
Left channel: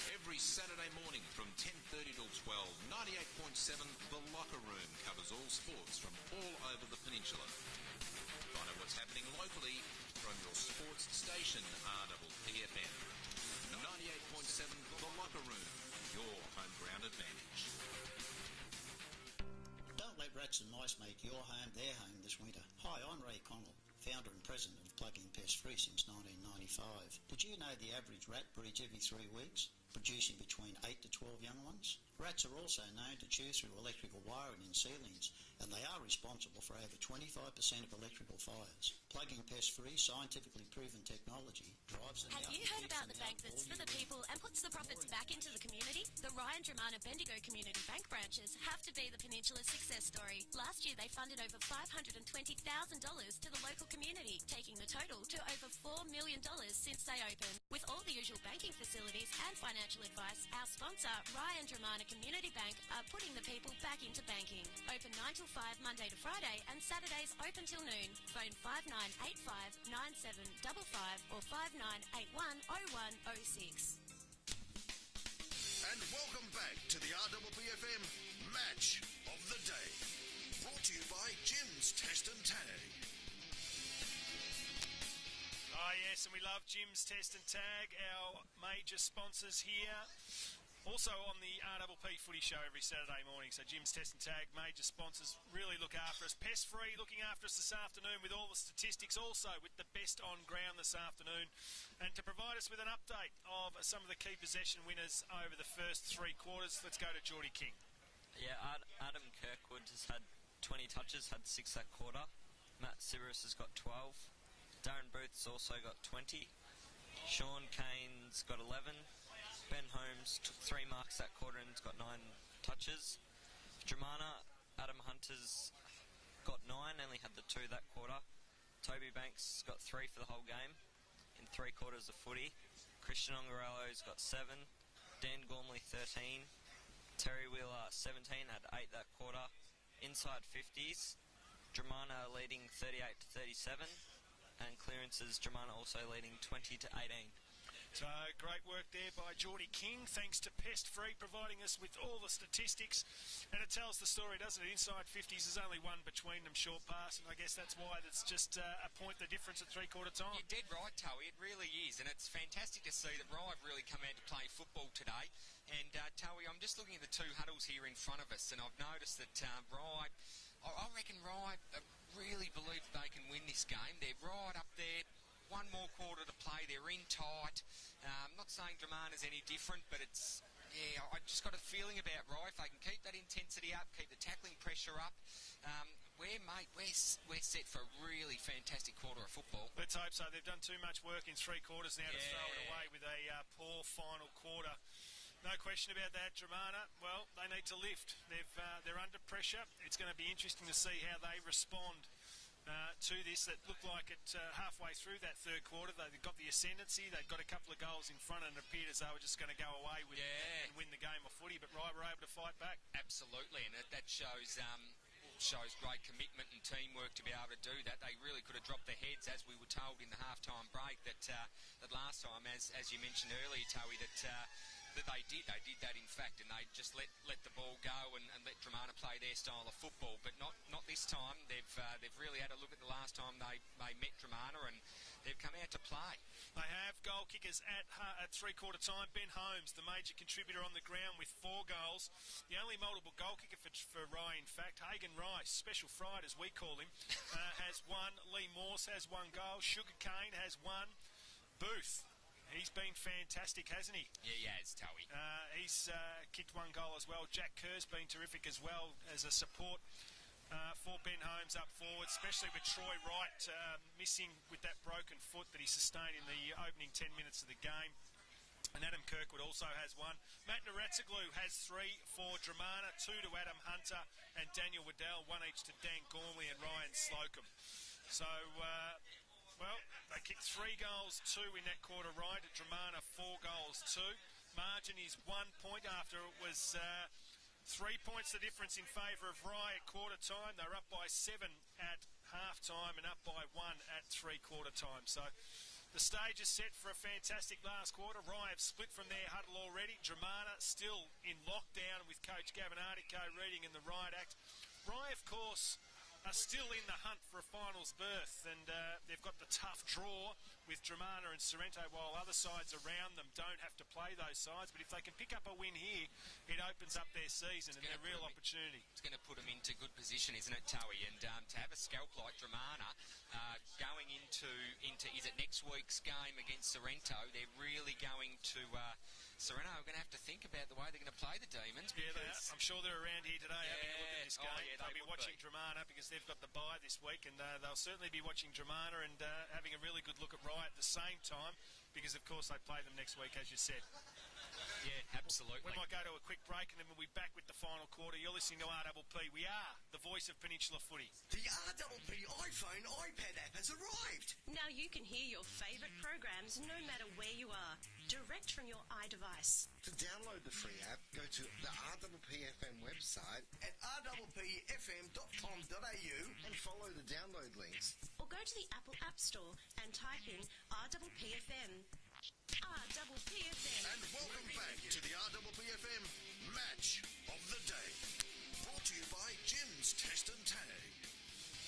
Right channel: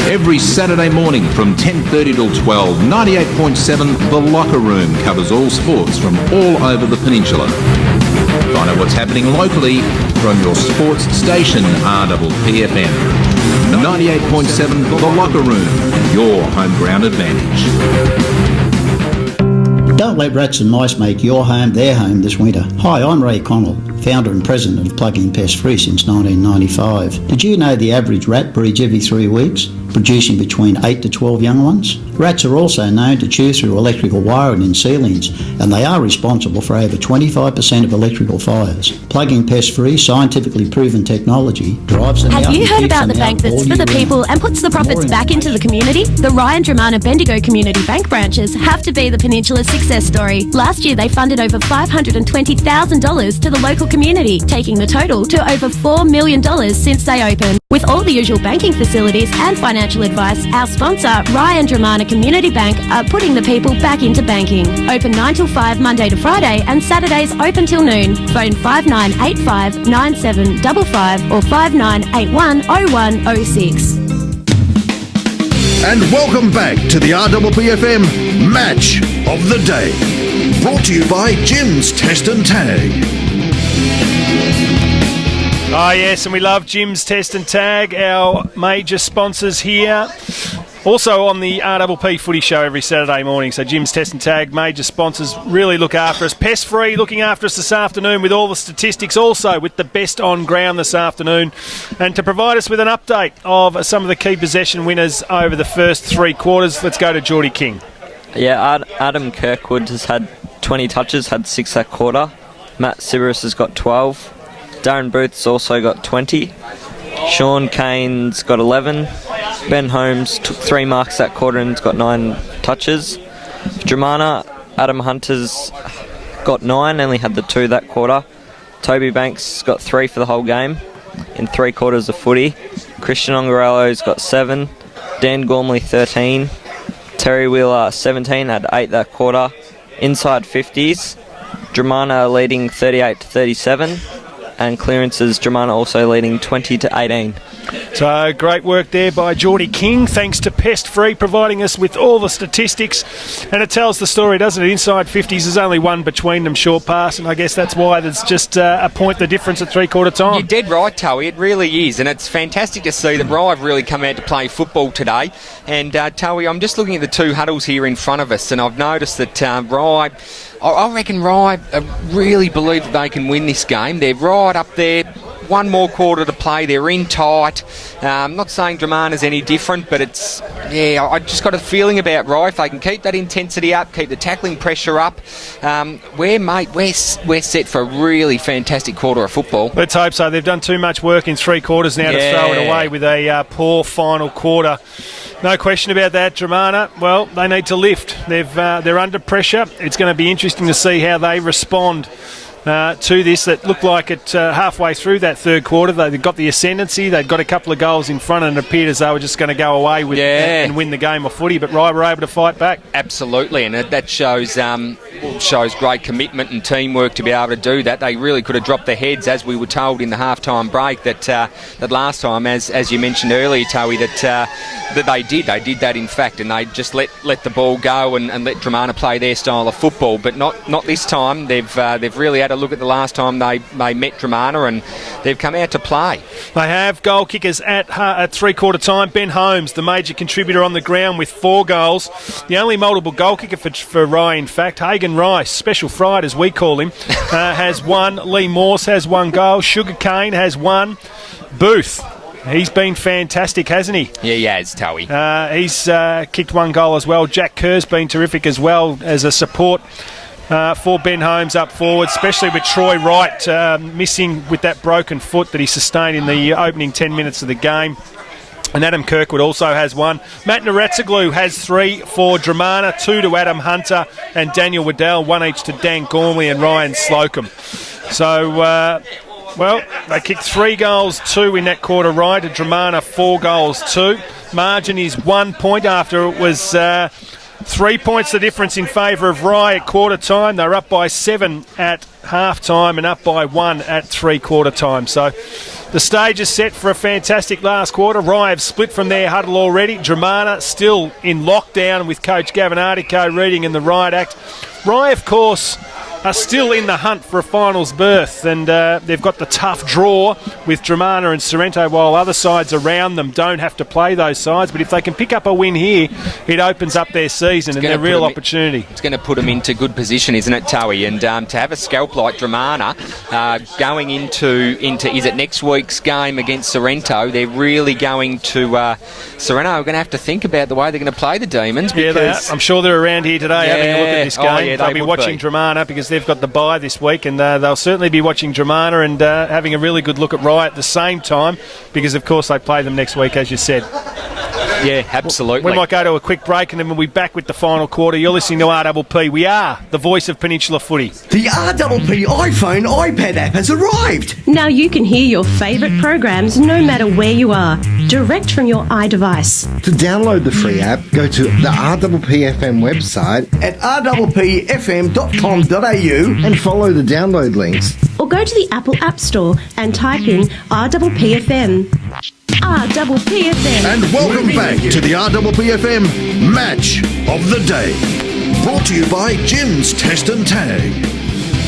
Every Saturday morning from 10:30 till 12, 98.7 The Locker Room covers all sports from all over the peninsula. Find out what's happening locally from your sports station, RPPFM. 98.7 The Locker Room, your home ground advantage. Don't let rats and mice make your home their home this winter. Hi, I'm Ray Connell. founder and president of Plug-in Pest Free since 1995. Did you know the average rat breeds every 3 weeks, producing between 8 to 12 young ones? Rats are also known to chew through electrical wiring in ceilings, and they are responsible for over 25% of electrical fires. Plug-in Pest Free, scientifically proven technology, drives them out. Have you and heard keeps about them the bank out that's all for year the round. people and puts the profits back into the community? The Ryan Dromana Bendigo Community Bank branches have to be the Peninsula's success story. Last year they funded over $520,000 to the local community, taking the total to over $4 million since they opened. With all the usual banking facilities and financial advice, our sponsor, Ryan Dromana Community Bank, are putting the people back into banking. Open 9 till 5 Monday to Friday and Saturdays open till noon. Phone 5985 9755 or 5981 0106. And welcome back to the RPPFM Match of the Day. Brought to you by Jim's Test and Tag. Oh, yes, and we love Jim's Test and Tag, our major sponsors here. Also on the RPP Footy Show every Saturday morning. So Jim's Test and Tag, major sponsors, really look after us. Pest Free looking after us this afternoon with all the statistics, also with the best on ground this afternoon. And to provide us with an update of some of the key possession winners over the first 3 quarters, let's go to Geordie King. Yeah, Adam Kirkwood has had 20 touches, had 6 that quarter. Matt Siberus has got 12. Darren Booth's also got 20. Sean Kane's got 11. Ben Holmes took 3 marks that quarter and's got 9 touches. Dromana, Adam Hunter's got 9, only had the 2 that quarter. Toby Banks got 3 for the whole game in 3 quarters of footy. Christian Ongarello's got 7. Dan Gormley 13. Terry Wheeler 17, had 8 that quarter. Inside 50s, Dromana leading 38 to 37. And clearances, Dromana also leading 20 to 18. So great work there by Geordie King. Thanks to Pest Free providing us with all the statistics. And it tells the story, doesn't it? Inside 50s, there's only one between them, short pass. And I guess that's why there's just a point the difference at 3/4 time. You're dead right, Towie. It really is. And it's fantastic to see that Rye have really come out to play football today. And Towie, I'm just looking at the 2 huddles here in front of us. And I've noticed that Rye... I reckon Rye really believe that they can win this game. They're right up there. 1 more quarter to play. They're in tight. I'm not saying Dromana's any different, but it's... Yeah, I just got a feeling about Rye. If they can keep that intensity up, keep the tackling pressure up, we're set for a really fantastic quarter of football. Let's hope so. They've done too much work in 3 quarters now to throw it away with a poor final quarter. No question about that, Dromana. Well, they need to lift. They're under pressure. It's going to be interesting to see how they respond to this. That looked like it halfway through that 3rd quarter. They got the ascendancy. They'd got a couple of goals in front and it appeared as they were just going to go away with and win the game of footy. But Rye were able to fight back. Absolutely, and that shows great commitment and teamwork to be able to do that. They really could have dropped their heads, as we were told in the half-time break, that last time, as you mentioned earlier, Towie, that they did. They did that, in fact, and they just let the ball go and let Dromana play their style of football. But not this time. They've really had a look at the last time they met Dromana, and they've come out to play. They have goal kickers at 3/4 time. Ben Holmes, the major contributor on the ground with 4 goals. The only multiple goal kicker for Rye, in fact. Hagan Rice, Special Fried as we call him, has 1. Lee Morse has 1 goal. Sugarcane has 1. Booth, he's been fantastic, hasn't he? Yeah, he has, Towie. He's kicked 1 goal as well. Jack Kerr's been terrific as well as a support for Ben Holmes up forward, especially with Troy Wright missing with that broken foot that he sustained in the opening 10 minutes of the game. And Adam Kirkwood also has 1. Matt Naratsaglu has 3 for Dromana, 2 to Adam Hunter and Daniel Waddell, 1 each to Dan Gormley and Ryan Slocum. So, they kicked 3 goals, 2 in that quarter right, to Dromana 4 goals, 2. Margin is 1 point after it was 3 points the difference in favour of Rye at quarter time. They're up by 7 at half time and up by 1 at 3/4 time. So the stage is set for a fantastic last quarter. Rye have split from their huddle already. Dromana still in lockdown with coach Gavin Artico reading in the riot act. Rye, of course, are still in the hunt for a finals berth, and they've got the tough draw with Dromana and Sorrento, while other sides around them don't have to play those sides. But if they can pick up a win here, it opens up their season and their real opportunity. It's going to put them into good position, isn't it, Towie? And to have a scalp like Dromana going into is it next week's game against Sorrento, they're really going to... Sorrento are going to have to think about the way they're going to play the Demons. Yeah, they are. I'm sure they're around here today having a look at this game. Oh, yeah, they'll be watching Dromana because they've got the bye this week, and they'll certainly be watching Dromana and having a really good look at Rye at the same time because, of course, they play them next week, as you said. Yeah, absolutely. We might go to a quick break and then we'll be back with the final quarter. You're listening to RPP. We are the voice of Peninsula footy. The RPP iPhone iPad app has arrived. Now you can hear your favourite programs no matter where you are, direct from your iDevice. To download the free app, go to the RPPFM website at rppfm.com.au and follow the download links. Or go to the Apple App Store and type in RPPFM. RPPFM. And welcome back to the RPPFM Match of the Day. Brought to you by Jim's Test and Tag.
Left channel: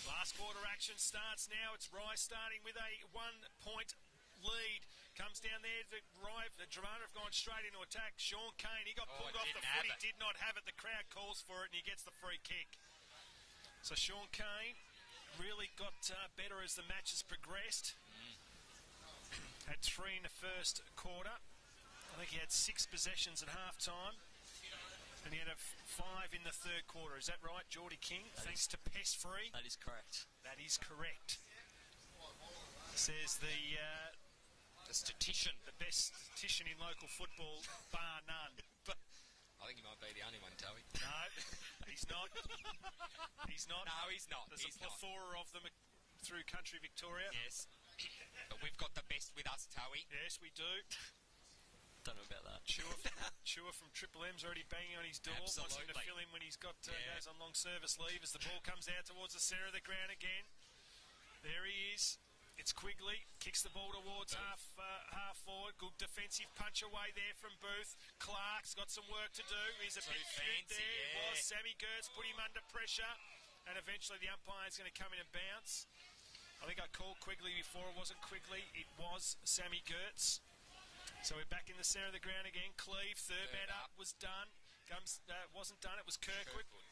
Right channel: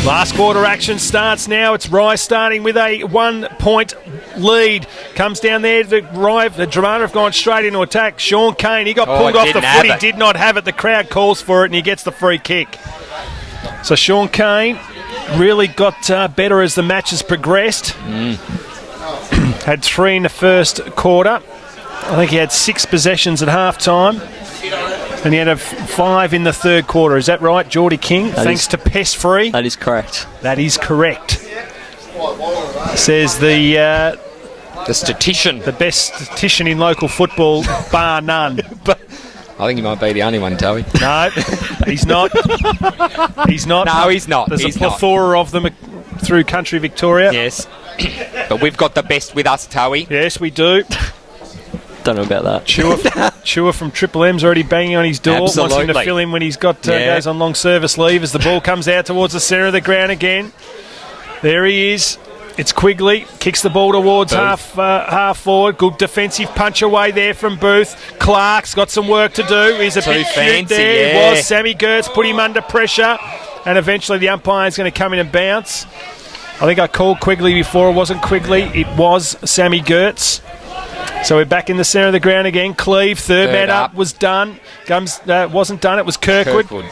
Last quarter action starts now. It's Rye starting with a 1-point lead. Comes down there. The Dromana have gone straight into attack. Sean Kane, he got pulled off the foot. He did not have it. The crowd calls for it and he gets the free kick. So Sean Kane really got better as the match has progressed. Had 3 in the first quarter. I think he had 6 possessions at half-time. And he had 5 in the third quarter. Is that right, Geordie King? Thanks to Pest Free. That is correct. That is correct. Says the statistician. The best statistician in local football, bar none. I think he might be the only one, Towie. No, he's not. He's not. No, he's not. There's a plethora of them through country Victoria. Yes. But we've got the best with us, Towie. Yes, we do. Don't know about that. Chewer from Triple M's already banging on his door. Absolutely. Wants him to fill in when he's got goes on long service leave as the ball comes out towards the centre of the ground again. There he is. It's Quigley. Kicks the ball towards half forward. Good defensive punch away there from Booth. Clark's got some work to do. He's a bit fancy there. Yeah. It was. Sammy Gertz put him under pressure. And eventually the umpire's going to come in and bounce. I think I called Quigley before. It wasn't Quigley. It was Sammy Gertz. So we're back in the centre of the ground again. Cleve, third man up, was done. Wasn't done, it was Kirkwood.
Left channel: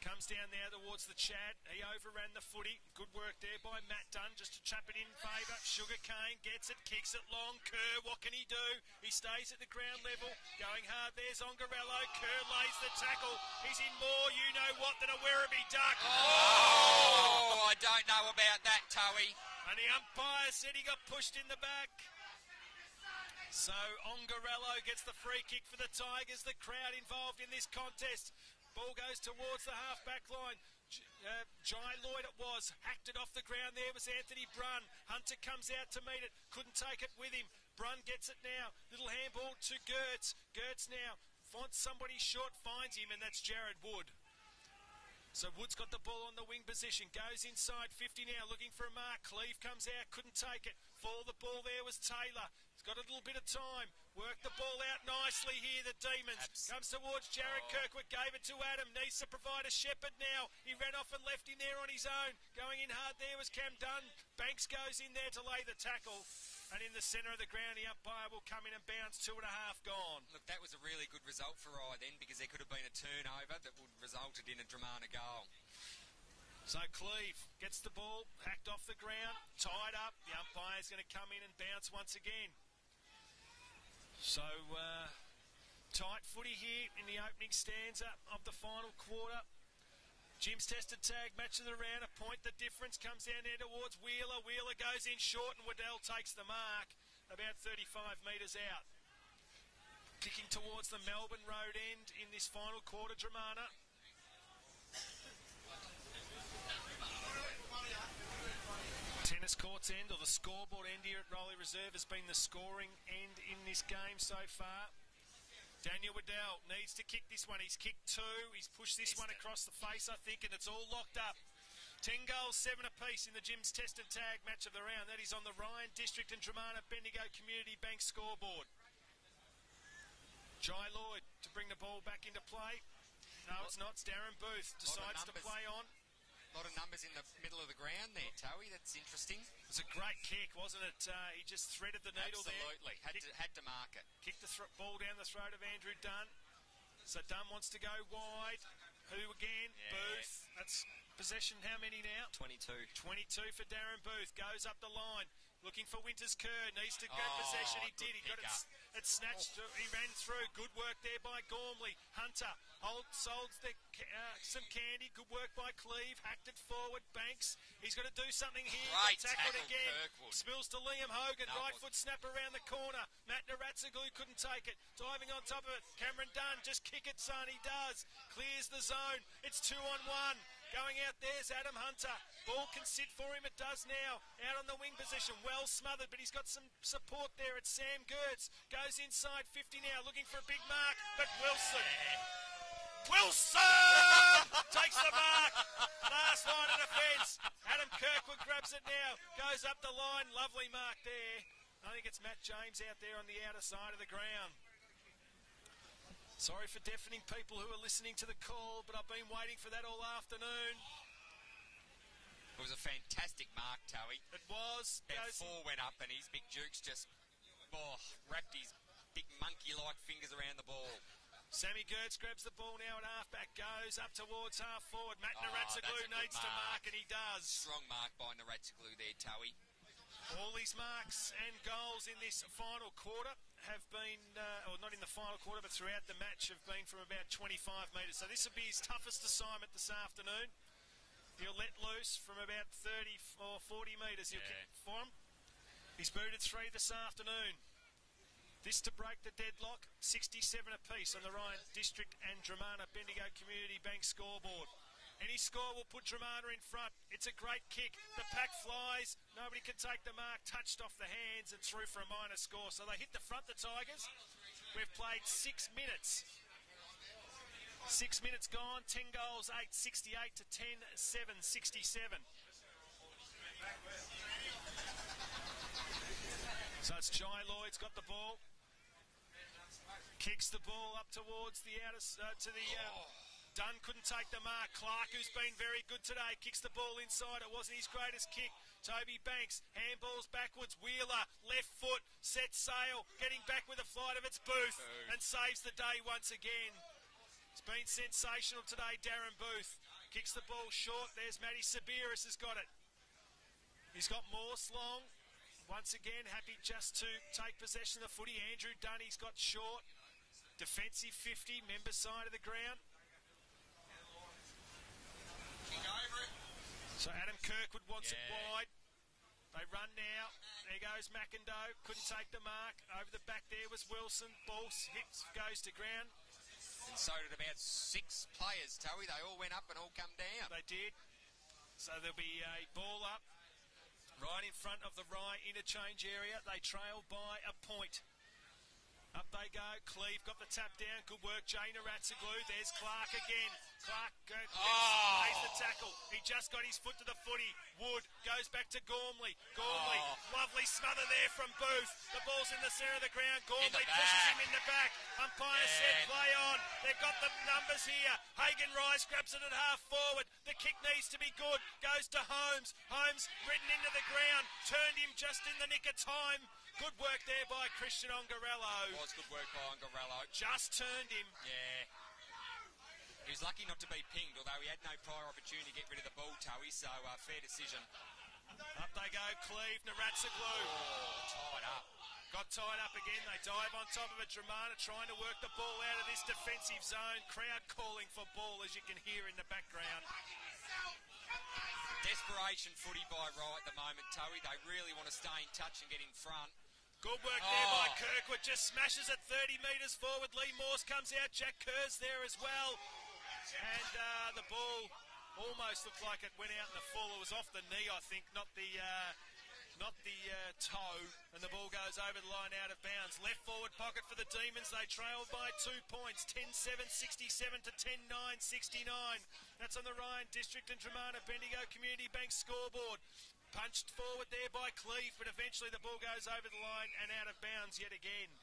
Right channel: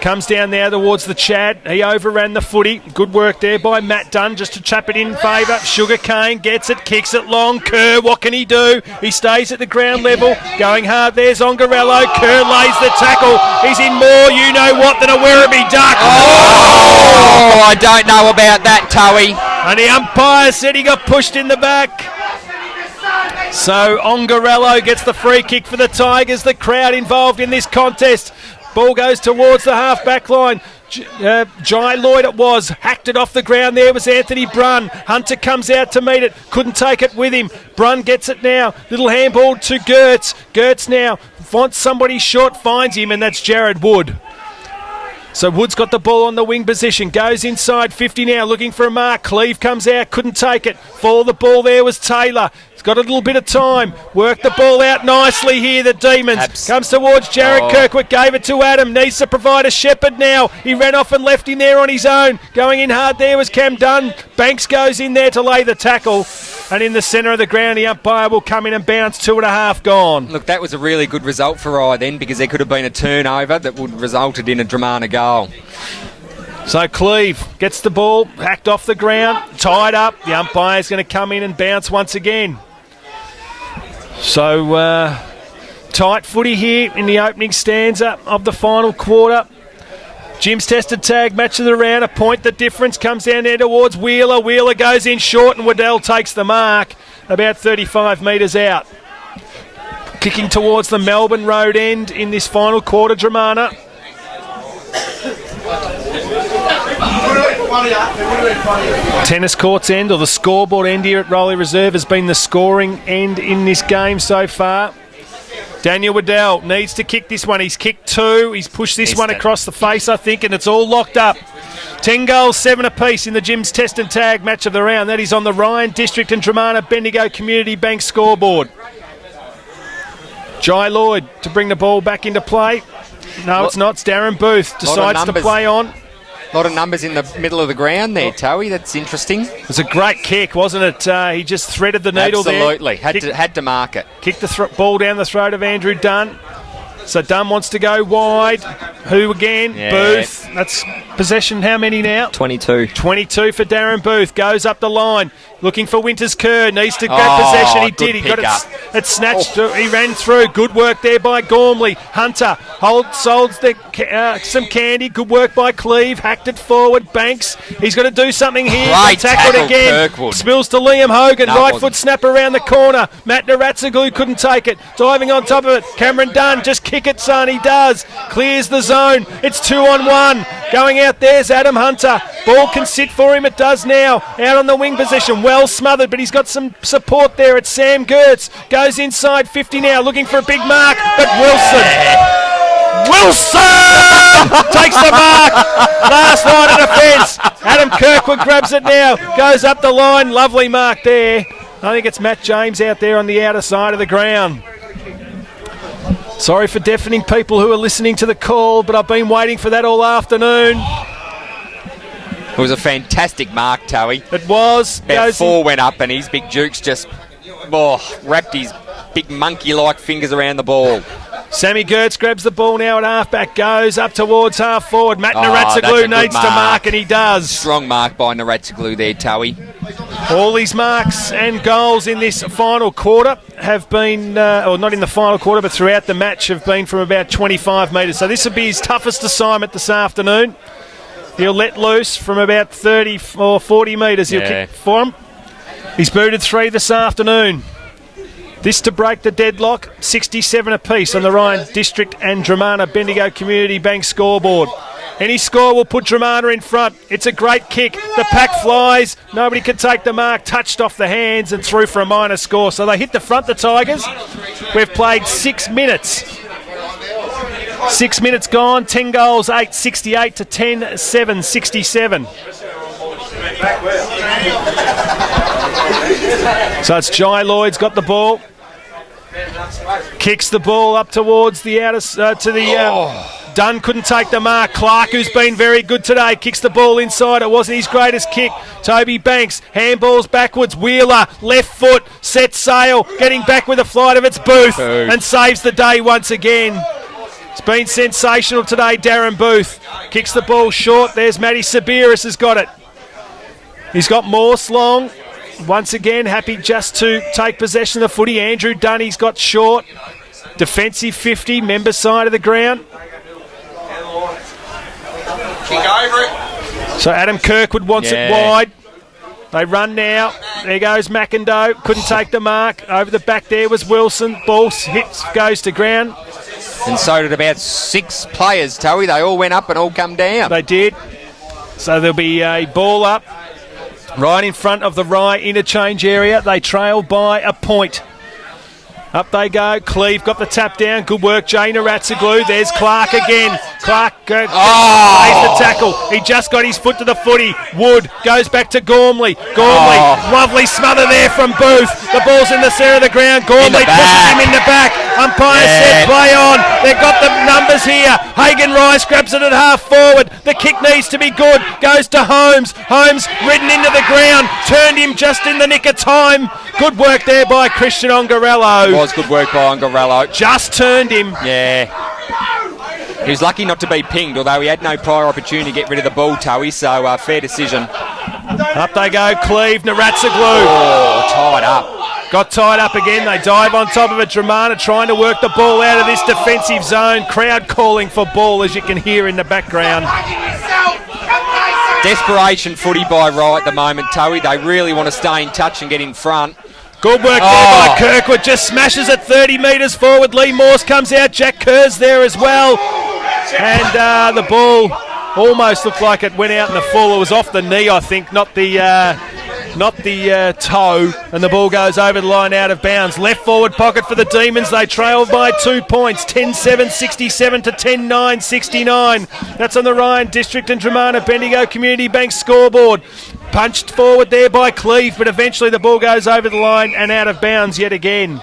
Comes down there towards the Chad. He overran the footy. Good work there by Matt Dunn just to trap it in favour. Sugar Cane gets it, kicks it long. Kerr, what can he do? He stays at the ground level. Going hard, there's Ongarello. Kerr lays the tackle. He's in more, you know what, than a Werribee duck. Oh, I don't know about that, Towie. And the umpire said he got pushed in the back. So Ongarello gets the free kick for the Tigers. The crowd involved in this contest. Ball goes towards the half-back line. Jai Lloyd it was. Hacked it off the ground. There was Anthony Brunn. Hunter comes out to meet it. Couldn't take it with him. Brunn gets it now. Little handball to Gertz. Gertz now wants somebody short. Finds him, and that's Jared Wood. So Wood's got the ball on the wing position. Goes inside 50 now. Looking for a mark. Cleve comes out. Couldn't take it. Follow the ball there was Taylor. He's got a little bit of time. Worked the ball out nicely here, the Demons. Comes towards Jared Kirkwood. Gave it to Adam. Needs to provide a shepherd now. He ran off and left him there on his own. Going in hard there was Cam Dunn. Banks goes in there to lay the tackle. And in the centre of the ground, the umpire will come in and bounce. 2.5 gone. Look, that was a really good result for Rye then, because there could have been a turnover that would have resulted in a Dromana goal. So Cleve gets the ball, hacked off the ground, tied up. The umpire's going to come in and bounce once again. So tight footy here in the opening stanza of the final quarter. Jim's tested tag, match of the round, a point the difference, comes down there towards Wheeler. Wheeler goes in short and Waddell takes the mark about 35 metres out. Kicking towards the Melbourne Road end in this final quarter, Dromana. Tennis courts end, or the scoreboard end here at Rowley Reserve, has been the scoring end in this game so far. Daniel Waddell needs to kick this one. He's kicked 2. He's pushed this one across the face, I think, and it's all locked up. 10 goals, 7 apiece in the Jim's Test and Tag match of the round. That is on the Ryan District and Dromana Bendigo Community Bank scoreboard. Jai Lloyd to bring the ball back into play. No, it's not. It's Darren Booth. Decides to play on. A lot of numbers in the middle of the ground there, Towie. That's interesting. It was a great kick, wasn't it? He just threaded the needle Absolutely. there. Absolutely. Had to mark it. Kicked the ball down the throat of Andrew Dunn. So Dunn wants to go wide. Who again? Yeah. Booth. That's possession. How many now? 22. 22 for Darren Booth. Goes up the line. Looking for Winters Kerr. Needs to grab possession. He did. He got it. It snatched. He ran through. Good work there by Gormley. Hunter sold some candy. Good work by Cleve. Hacked it forward. Banks. He's got to do something here. Great Tackled tackle, again. Kirkwood. Spills to Liam Hogan. No, Right foot snap around the corner. Matt Naratsaglu couldn't take it. Diving on top of it. Cameron Dunn. Just kick it, son. He does. Clears the zone. It's 2-on-1. Going out there's Adam Hunter. Ball can sit for him. It does now. Out on the wing position. Well smothered, but he's got some support there. It's Sam Gertz. Goes inside 50 now. Looking for a big mark. But Wilson takes the mark. Last line of defence. Adam Kirkwood grabs it now. Goes up the line. Lovely mark there. I think it's Matt James out there on the outer side of the ground. Sorry for deafening people who are listening to the call, but I've been waiting for that all afternoon. It was a fantastic mark, Towie. It was. About 4 went up and his big Jukes just wrapped his big monkey-like fingers around the ball. Sammy Gertz grabs the ball now at half-back, goes up towards half-forward. Matt Naratsaglu needs to mark, and he does. Strong mark by Naratsaglu there, Towie. All these marks and goals in this final quarter have been, or not in the final quarter, but throughout the match have been from about 25 metres. So this will be his toughest assignment this afternoon. He'll let loose from about 30 or 40 metres. He'll kick for him. He's booted 3 this afternoon. This to break the deadlock, 67 apiece on the Ryan District and Dromana Bendigo Community Bank scoreboard. Any score will put Dromana in front. It's a great kick. The pack flies. Nobody can take the mark. Touched off the hands and through for a minor score. So they hit the front, the Tigers. We've played 6 minutes. 6 minutes gone. 10 goals, 8, 68 to 10, 7, 67. So it's Jai Lloyd's got the ball. Kicks the ball up towards the outer to the. Dunn couldn't take the mark. Clark, who's been very good today, kicks the ball inside. It wasn't his greatest kick. Toby Banks handballs backwards. Wheeler left foot sets sail, getting back with a flight of its Booth and saves the day once again. It's been sensational today. Darren Booth kicks the ball short. There's Matty Sabiris has got it. He's got Morse long. Once again, happy just to take possession of the footy. Andrew Dunn, got short. Defensive 50, member side of the ground. Kick over it. So Adam Kirkwood wants it wide. They run now. There goes McIndoe. Couldn't take the mark. Over the back there was Wilson. Ball hits, goes to ground. And so did about 6 players, Towie. They all went up and all come down. They did. So there'll be a ball up right in front of the Rye interchange area. They trail by a point. Up they go. Cleve got the tap down. Good work, Jay Naratsaglu. There's Clark again. Clark lays the tackle. He just got his foot to the footy. Wood goes back to Gormley. Lovely smother there from Booth. The ball's in the centre of the ground. Gormley pushes him in the back. Umpire said play on. They've got the numbers here. Hagan Rice grabs it at half forward. The kick needs to be good. Goes to Holmes. Holmes ridden into the ground. Turned him just in the nick of time. Good work there by Christian Ongarello. Was good work by Ongarello. Just turned him. Yeah. He was lucky not to be pinged, although he had no prior opportunity to get rid of the ball, Towie, so fair decision. Up they go, Cleve, Naratsaglu. Tied up. Got tied up again. They dive on top of it. Dromana trying to work the ball out of this defensive zone. Crowd calling for ball, as you can hear in the background. Desperation footy by Rye at the moment, Towie. They really want to stay in touch and get in front. Good work there by Kirkwood. Just smashes it 30 metres forward. Lee Morse comes out. Jack Kerr's there as well. And the ball almost looked like it went out in the full. It was off the knee, I think, not the toe. And the ball goes over the line out of bounds. Left forward pocket for the Demons. They trail by 2 points. 10-7, 67 to 10-9, 69. That's on the Ryan District and Dromana Bendigo Community Bank scoreboard. Punched forward there by Cleve, but eventually the ball goes over the line and out of bounds yet again.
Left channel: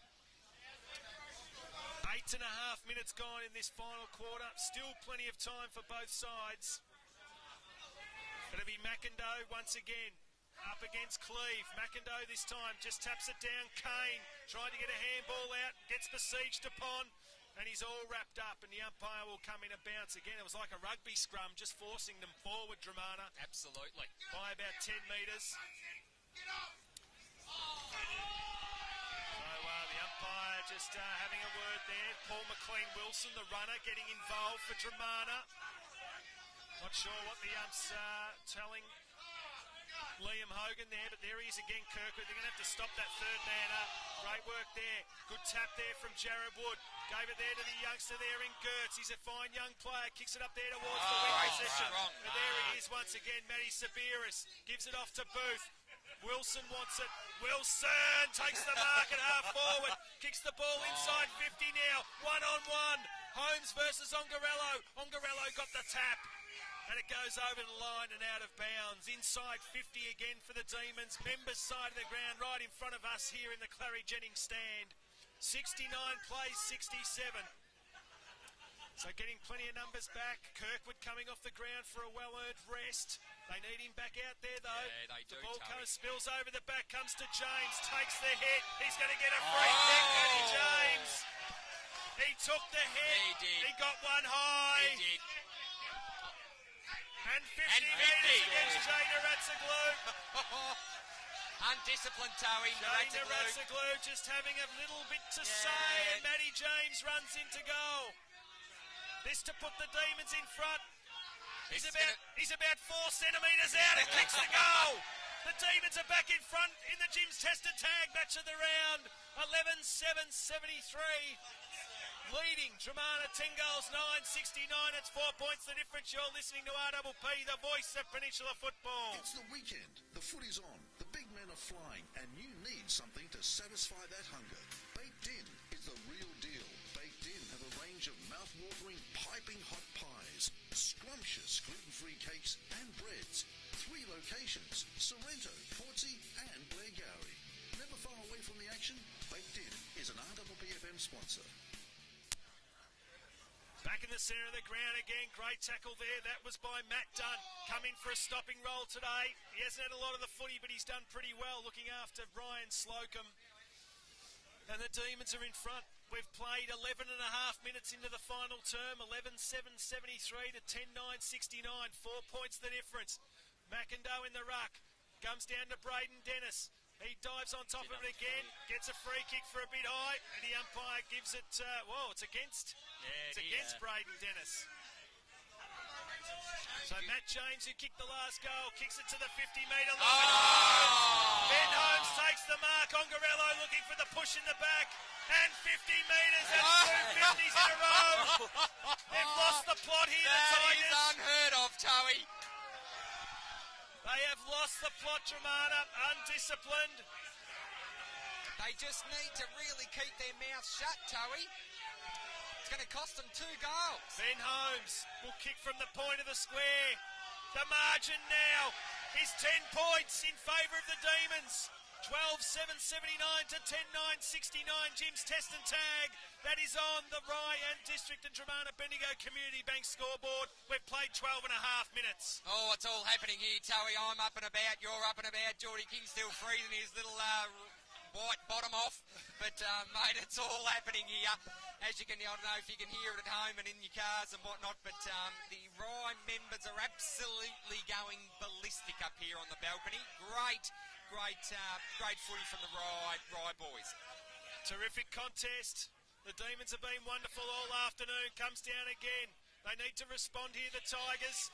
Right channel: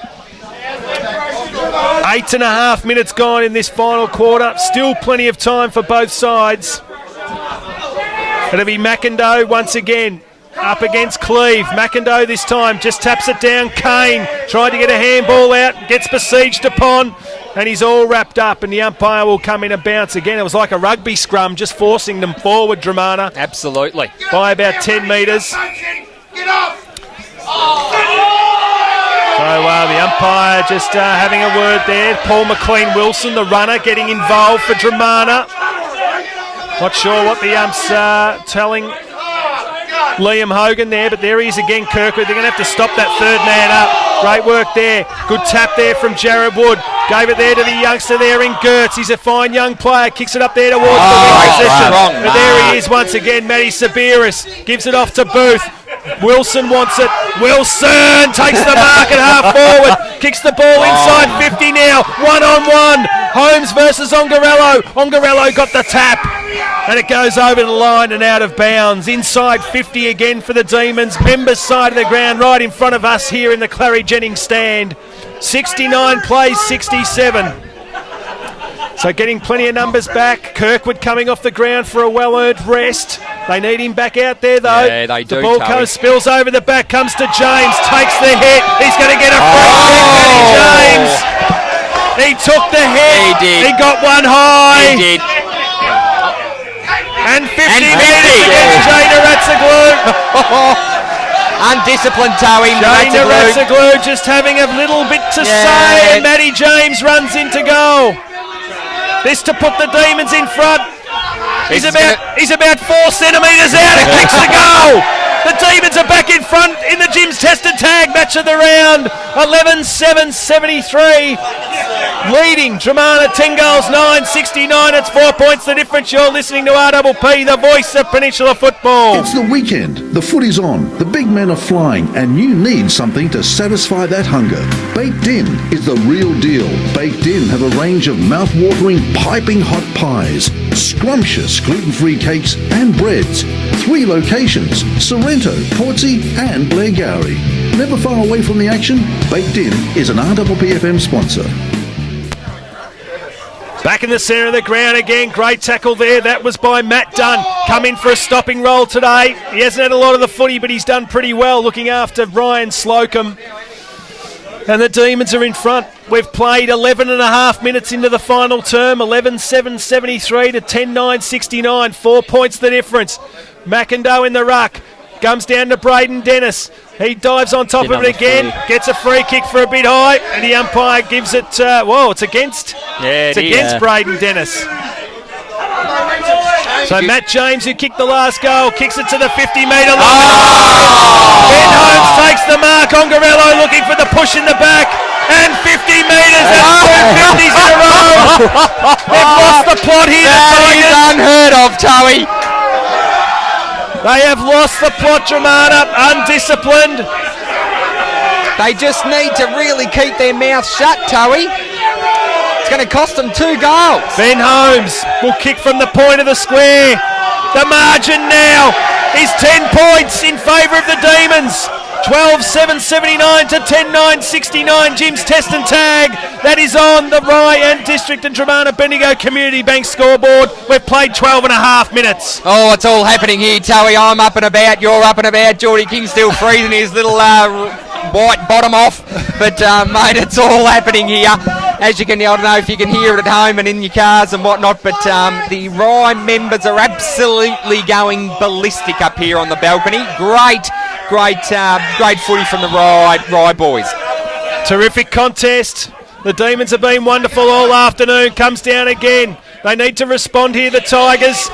8.5 minutes gone in this final quarter. Still plenty of time for both sides. It'll be McIndoe once again. Up against Cleve. McIndoe this time just taps it down. Kane tried to get a handball out, gets besieged upon, and he's all wrapped up, and the umpire will come in and bounce again. It was like a rugby scrum, just forcing them forward, Dromana. Absolutely. By about 10 metres. Get off! So the umpire just having a word there. Paul McLean-Wilson, the runner, getting involved for Dromana. Not sure what the ump's telling Liam Hogan there, but there he is again, Kirkwood. They're going to have to stop that third man up. Great work there. Good tap there from Jared Wood. Gave it there to the youngster there in Gertz. He's a fine young player. Kicks it up there towards the wing position. But there he is once again, Matty Sabiris. Gives it off to Booth. Wilson wants it. Wilson takes the mark at half forward. Kicks the ball inside 50 now. 1-on-1. Holmes versus Ongarello. Ongarello got the tap. And it goes over the line and out of bounds. Inside 50 again for the Demons. Members side of the ground right in front of us here in the Clary Jennings stand. 69 plays 67. So getting plenty of numbers back. Kirkwood coming off the ground for a well-earned rest. They need him back out there, though. Yeah, they do. The ball comes, spills over the back, comes to James, takes the hit. He's going to get a free kick, Matty James. He took the hit. He did. He got one high. He did. And 50 metres against Jay Naratsaglu. Undisciplined towing. Jay Naratsaglu just having a little bit to say, and Matty James runs into goal. This to put the Demons in front. He's about 4 centimetres out and kicks the goal. The Demons are back in front in the Jim's Test and Tag match of the round. 11-7-73. Leading Dromana 10 goals, 9-69. It's 4 points the difference. You're listening to RPP, the voice of Peninsula football. It's the weekend. The footy's on. The big men are flying, and you need something to satisfy that hunger. Baked In is the real deal. Baked In have a range of mouth-watering, piping hot pies, scrumptious gluten-free cakes and breads. 3 locations: Sorrento, Portsea and Blairgowrie. Never far away from the action, Baked In is an RPPFM sponsor. Back in the centre of the ground again. Great tackle there. That was by Matt Dunn. Come in for a stopping roll today. He hasn't had a lot of the footy, but he's done pretty well looking after Ryan Slocum. And the Demons are in front. We've played 11 and a half minutes into the final term. 11-7-73 to 10-9-69. 4 points the difference. McIndoe in the ruck. Comes down to Braden Dennis. He dives on top of it again. Gets a free kick for a bit high. And the umpire gives it... it's against... Yeah, it's against Braden Dennis. So Matt James, who kicked the last goal, kicks it to the 50-metre line. Ben Holmes takes the mark. Ongarello looking for the push in the back. And 50 metres and 2 50s in a row. They've lost the plot here. That is unheard of, Towie. They have lost the plot, Dromana. Undisciplined. They just need to really keep their mouth shut, Towie. It's going to cost them 2 goals. Ben Holmes will kick from the point of the square. The margin now is 10 points in favour of the Demons. 12-7-79 to 10-9-69. Jim's Test and Tag. That is on the Rye and District and Dromana Bendigo Community Bank scoreboard. We've played 12 and a half minutes. Oh, it's all happening here, Towie. I'm up and about. You're up and about. Geordie King's still freezing his little white bottom off. But, mate, it's all happening here. As you can, I don't know if you can hear it at home and in your cars and whatnot, but the Rye members are absolutely going ballistic up here on the balcony. Great footy from the Rye boys. Terrific contest. The Demons have been wonderful all afternoon. Comes down again. They need to respond here, the Tigers.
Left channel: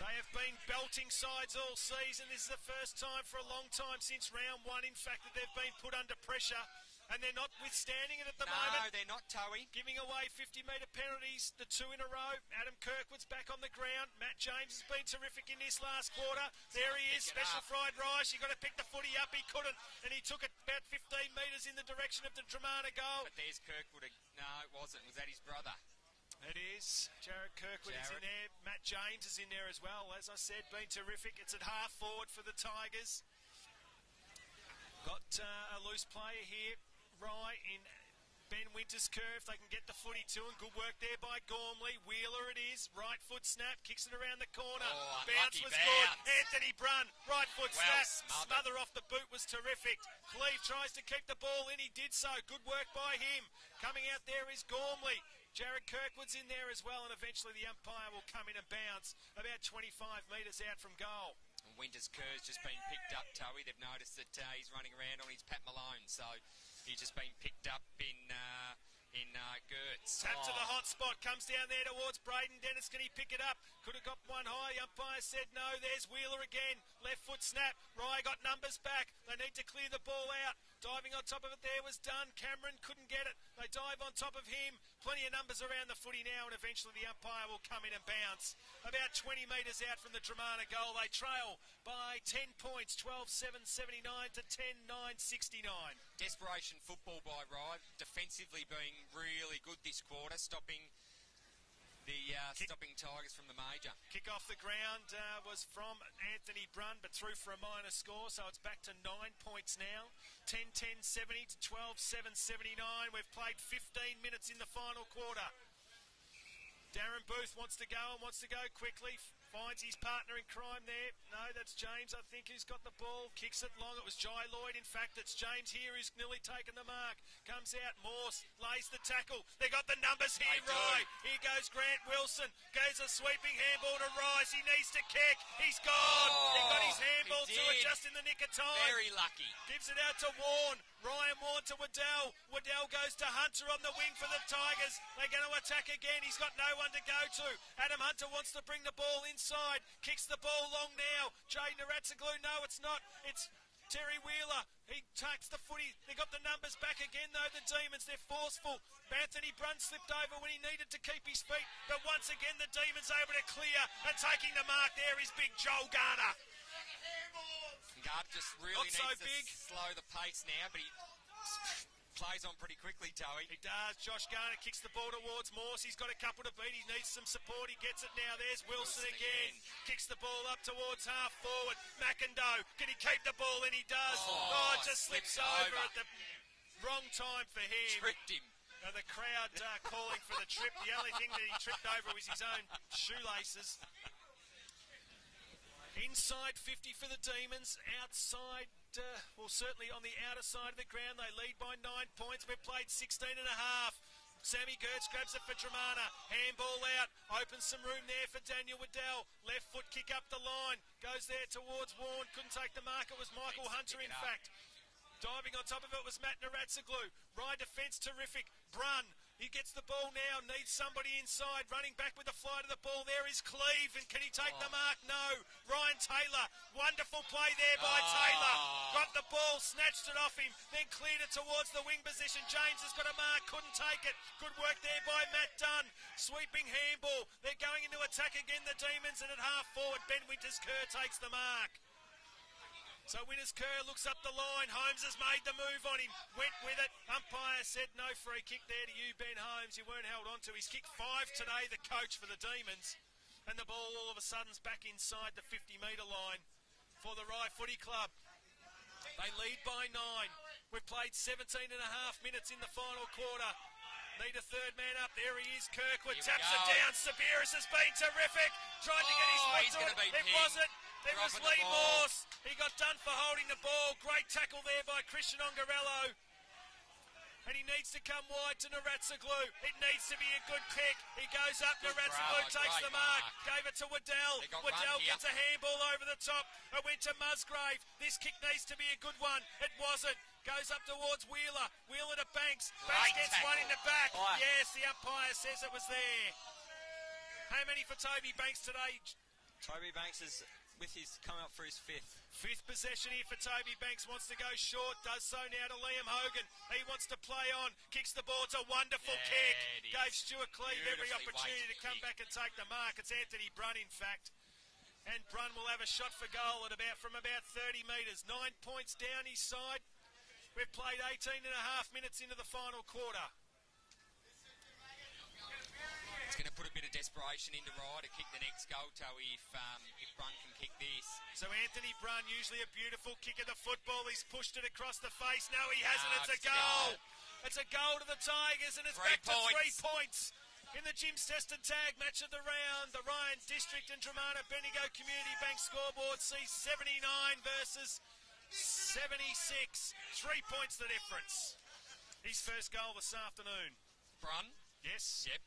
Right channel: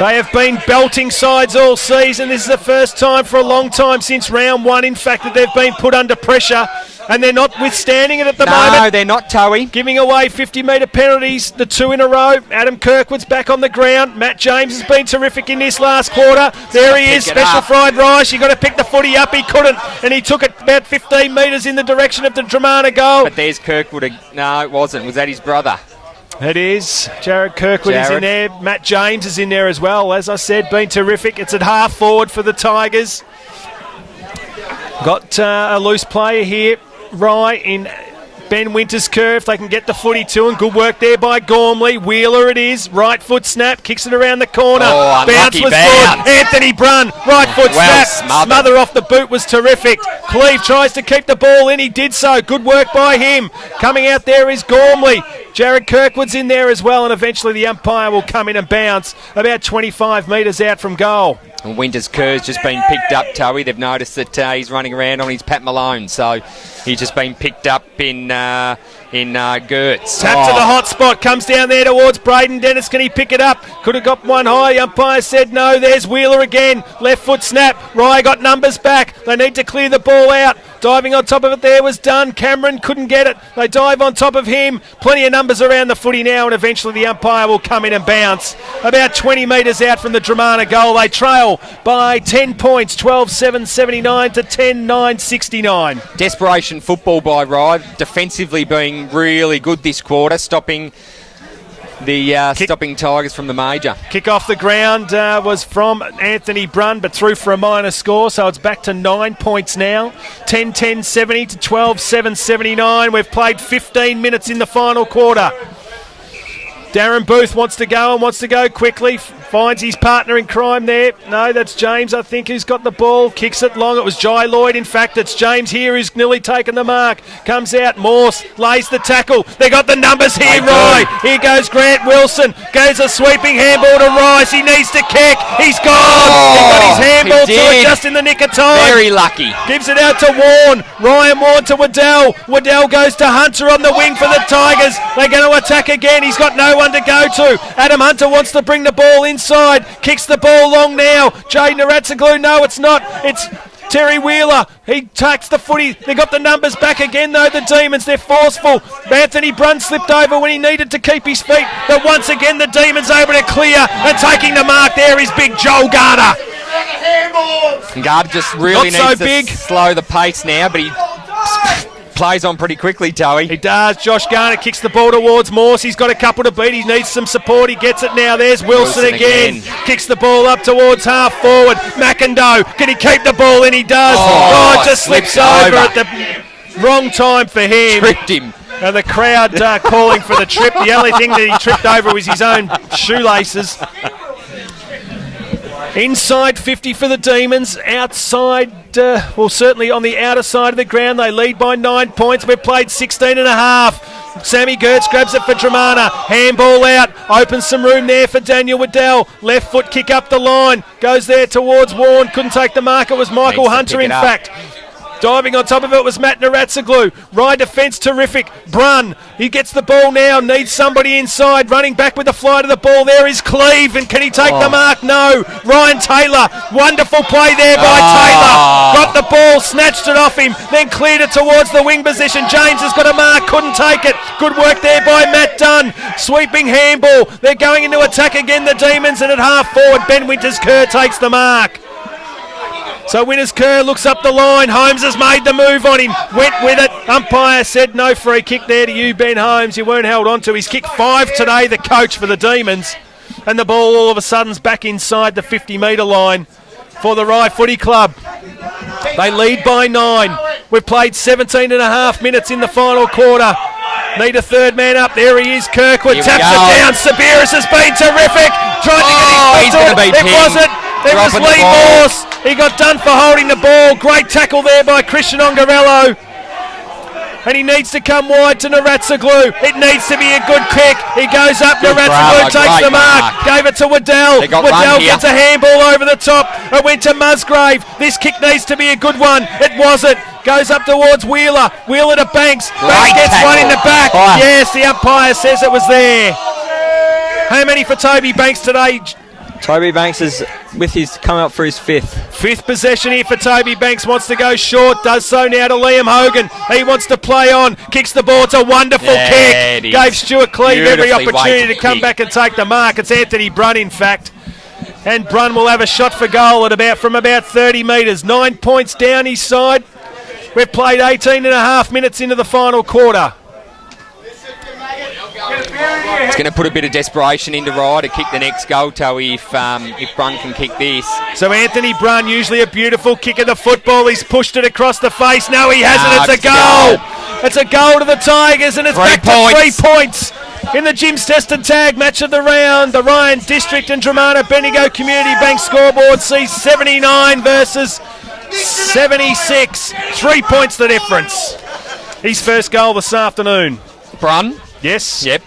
They have been belting sides all season. This is the first time for a long time since round 1, in fact, that they've been put under pressure. And they're not withstanding it at the moment. No, they're not, Towie. Giving away 50-metre penalties, the 2 in a row. Adam Kirkwood's back on the ground. Matt James has been terrific in this last quarter. There he is, special fried rice. You've got to pick the footy up. He couldn't, and he took it about 15 metres in the direction of the Dromana goal. But there's Kirkwood. No, it wasn't. Was that his brother? It is. Jared Kirkwood is in there. Matt James is in there as well. As I said, been terrific. It's at half forward for the Tigers. Got a loose player here. Rye in Ben Winter's curve, if they can get the footy to him. Good work there by Gormley. Wheeler it is. Right foot snap, kicks it around the corner. Bounce was good. Anthony Brunn, right foot snap. Smother off the boot was terrific. Cleve tries to keep the ball in. He did so. Good work by him. Coming out there is Gormley. Jared Kirkwood's in there as well, and eventually the umpire will come in and bounce about 25 metres out from goal. And Winter's curve's just been picked up, Toey. They've noticed that he's running around on his Pat Malone, so he's just been picked up in Gertz. Tap to the hot spot, comes down there towards Braden Dennis. Can he pick it up? Could have got one high. The umpire said no. There's Wheeler again. Left foot snap. Rye got numbers back. They need to clear the ball out. Diving on top of it there was done. Cameron couldn't get it. They dive on top of him. Plenty of numbers around the footy now, and eventually the umpire will come in and bounce. About 20 metres out from the Dromana goal. They trail by 10 points, 12-7-79 to 10-9-69. Desperation football by Rye, defensively being really good this quarter, stopping Tigers from the major. Kick off the ground was from Anthony Brunn, but through for a minor score, so it's back to 9 points now. 10-10-70 to 12-7-79. We've played 15 minutes in the final quarter. Darren Booth wants to go and wants to go quickly. Finds his partner in crime there. No, that's James, I think, who's got the ball. Kicks it long. It was Jai Lloyd. In fact, it's James here who's nearly taken the mark. Comes out. Morse lays the tackle. They got the numbers here, Rye. Here goes Grant Wilson. Goes a sweeping handball to Rice. He needs to kick. He's gone. He got his handball to it just in the nick of time. Very lucky. Gives it out to Warren. Ryan Warren to Waddell. Waddell goes to Hunter on the wing for the Tigers. They're going to attack again. He's got no one to go to. Adam Hunter wants to bring the ball inside. Kicks the ball long now. Jay Naratsaglu. No, it's not. It's Terry Wheeler. He takes the footy. They got the numbers back again, though, the Demons. They're forceful. Anthony Brunn slipped over when he needed to keep his feet. But once again, the Demons able to clear. And taking the mark there is big Joel Garner. Garner just really needs to slow the pace now, but he plays on pretty quickly, Toey. He does. Josh Garner kicks the ball towards Morse. He's got a couple to beat. He needs some support. He gets it now. There's Wilson again. Kicks the ball up towards half forward. McIndoe. Can he keep the ball in? He does. It just slips over at the wrong time for him. Tripped him. And the crowd calling for the trip. The only thing that he tripped over was his own shoelaces. Inside 50 for the Demons. Outside, certainly on the outer side of the ground. They lead by 9 points. We've played 16 and a half. Sammy Gertz grabs it for Dromana. Handball out. Opens some room there for Daniel Waddell. Left foot kick up the line. Goes there towards Warren. Couldn't take the mark. It was Michael Hunter, in fact. Diving on top of it was Matt Naratsaglu. Rye defence terrific. Brunn, he gets the ball now, needs somebody inside. Running back with the fly to the ball. There is Cleve, and can he take the mark? No. Ryan Taylor, wonderful play there by Taylor. Got the ball, snatched it off him, then cleared it towards the wing position. James has got a mark, couldn't take it. Good work there by Matt Dunn. Sweeping handball. They're going into attack again, the Demons, and at half forward, Ben Winters-Kerr takes the mark. So Winters-Kerr looks up the line. Holmes has made the move on him. Went with it. Umpire said no free kick there to you, Ben Holmes. You weren't held on to. He's kicked 5 today, the coach for the Demons. And the ball all of a sudden's back inside the 50-metre line for the Rye Footy Club. They lead by 9. We've played 17 and a half minutes in the final quarter. Need a third man up. There he is, Kirkwood. Taps it down. Sabiris has been terrific. Trying to get his foot to it. It wasn't. It was Lee Morse. He got done for holding the ball. Great tackle there by Christian Ongarello. And he needs to come wide to Naratsaglu. It needs to be a good kick. He goes up. Naratsaglu takes the mark. Gave it to Waddell. Waddell gets a handball over the top. It went to Musgrave. This kick needs to be a good one. It wasn't. Goes up towards Wheeler. Wheeler to Banks. Banks gets one in the back. Yes, the umpire says it was there. How many for Toby Banks today? Toby Banks is coming up for his fifth. Fifth possession here for Toby Banks. Wants to go short. Does so now to Liam Hogan. He wants to play on. Kicks the ball. It's a wonderful kick. Gave Stuart Cleve every opportunity to come back and take the mark. It's Anthony Brunn, in fact. And Brunn will have a shot for goal from about 30 metres. 9 points down his side. We've played 18 and a half minutes into the final quarter. It's going to put a bit of desperation into Rye to kick the next goal, Toey, if Brunn can kick this. So Anthony Brunn, usually a beautiful kick of the football. He's pushed it across the face. No, he hasn't. It's a goal. It's a goal to the Tigers, and it's back to 3 points in the Jim's Tested Tag match of the round. The Ryan District and Dromana Bendigo Community Bank scoreboard sees 79 versus 76. 3 points the difference. His first goal this afternoon. Brun? Yes. Yep.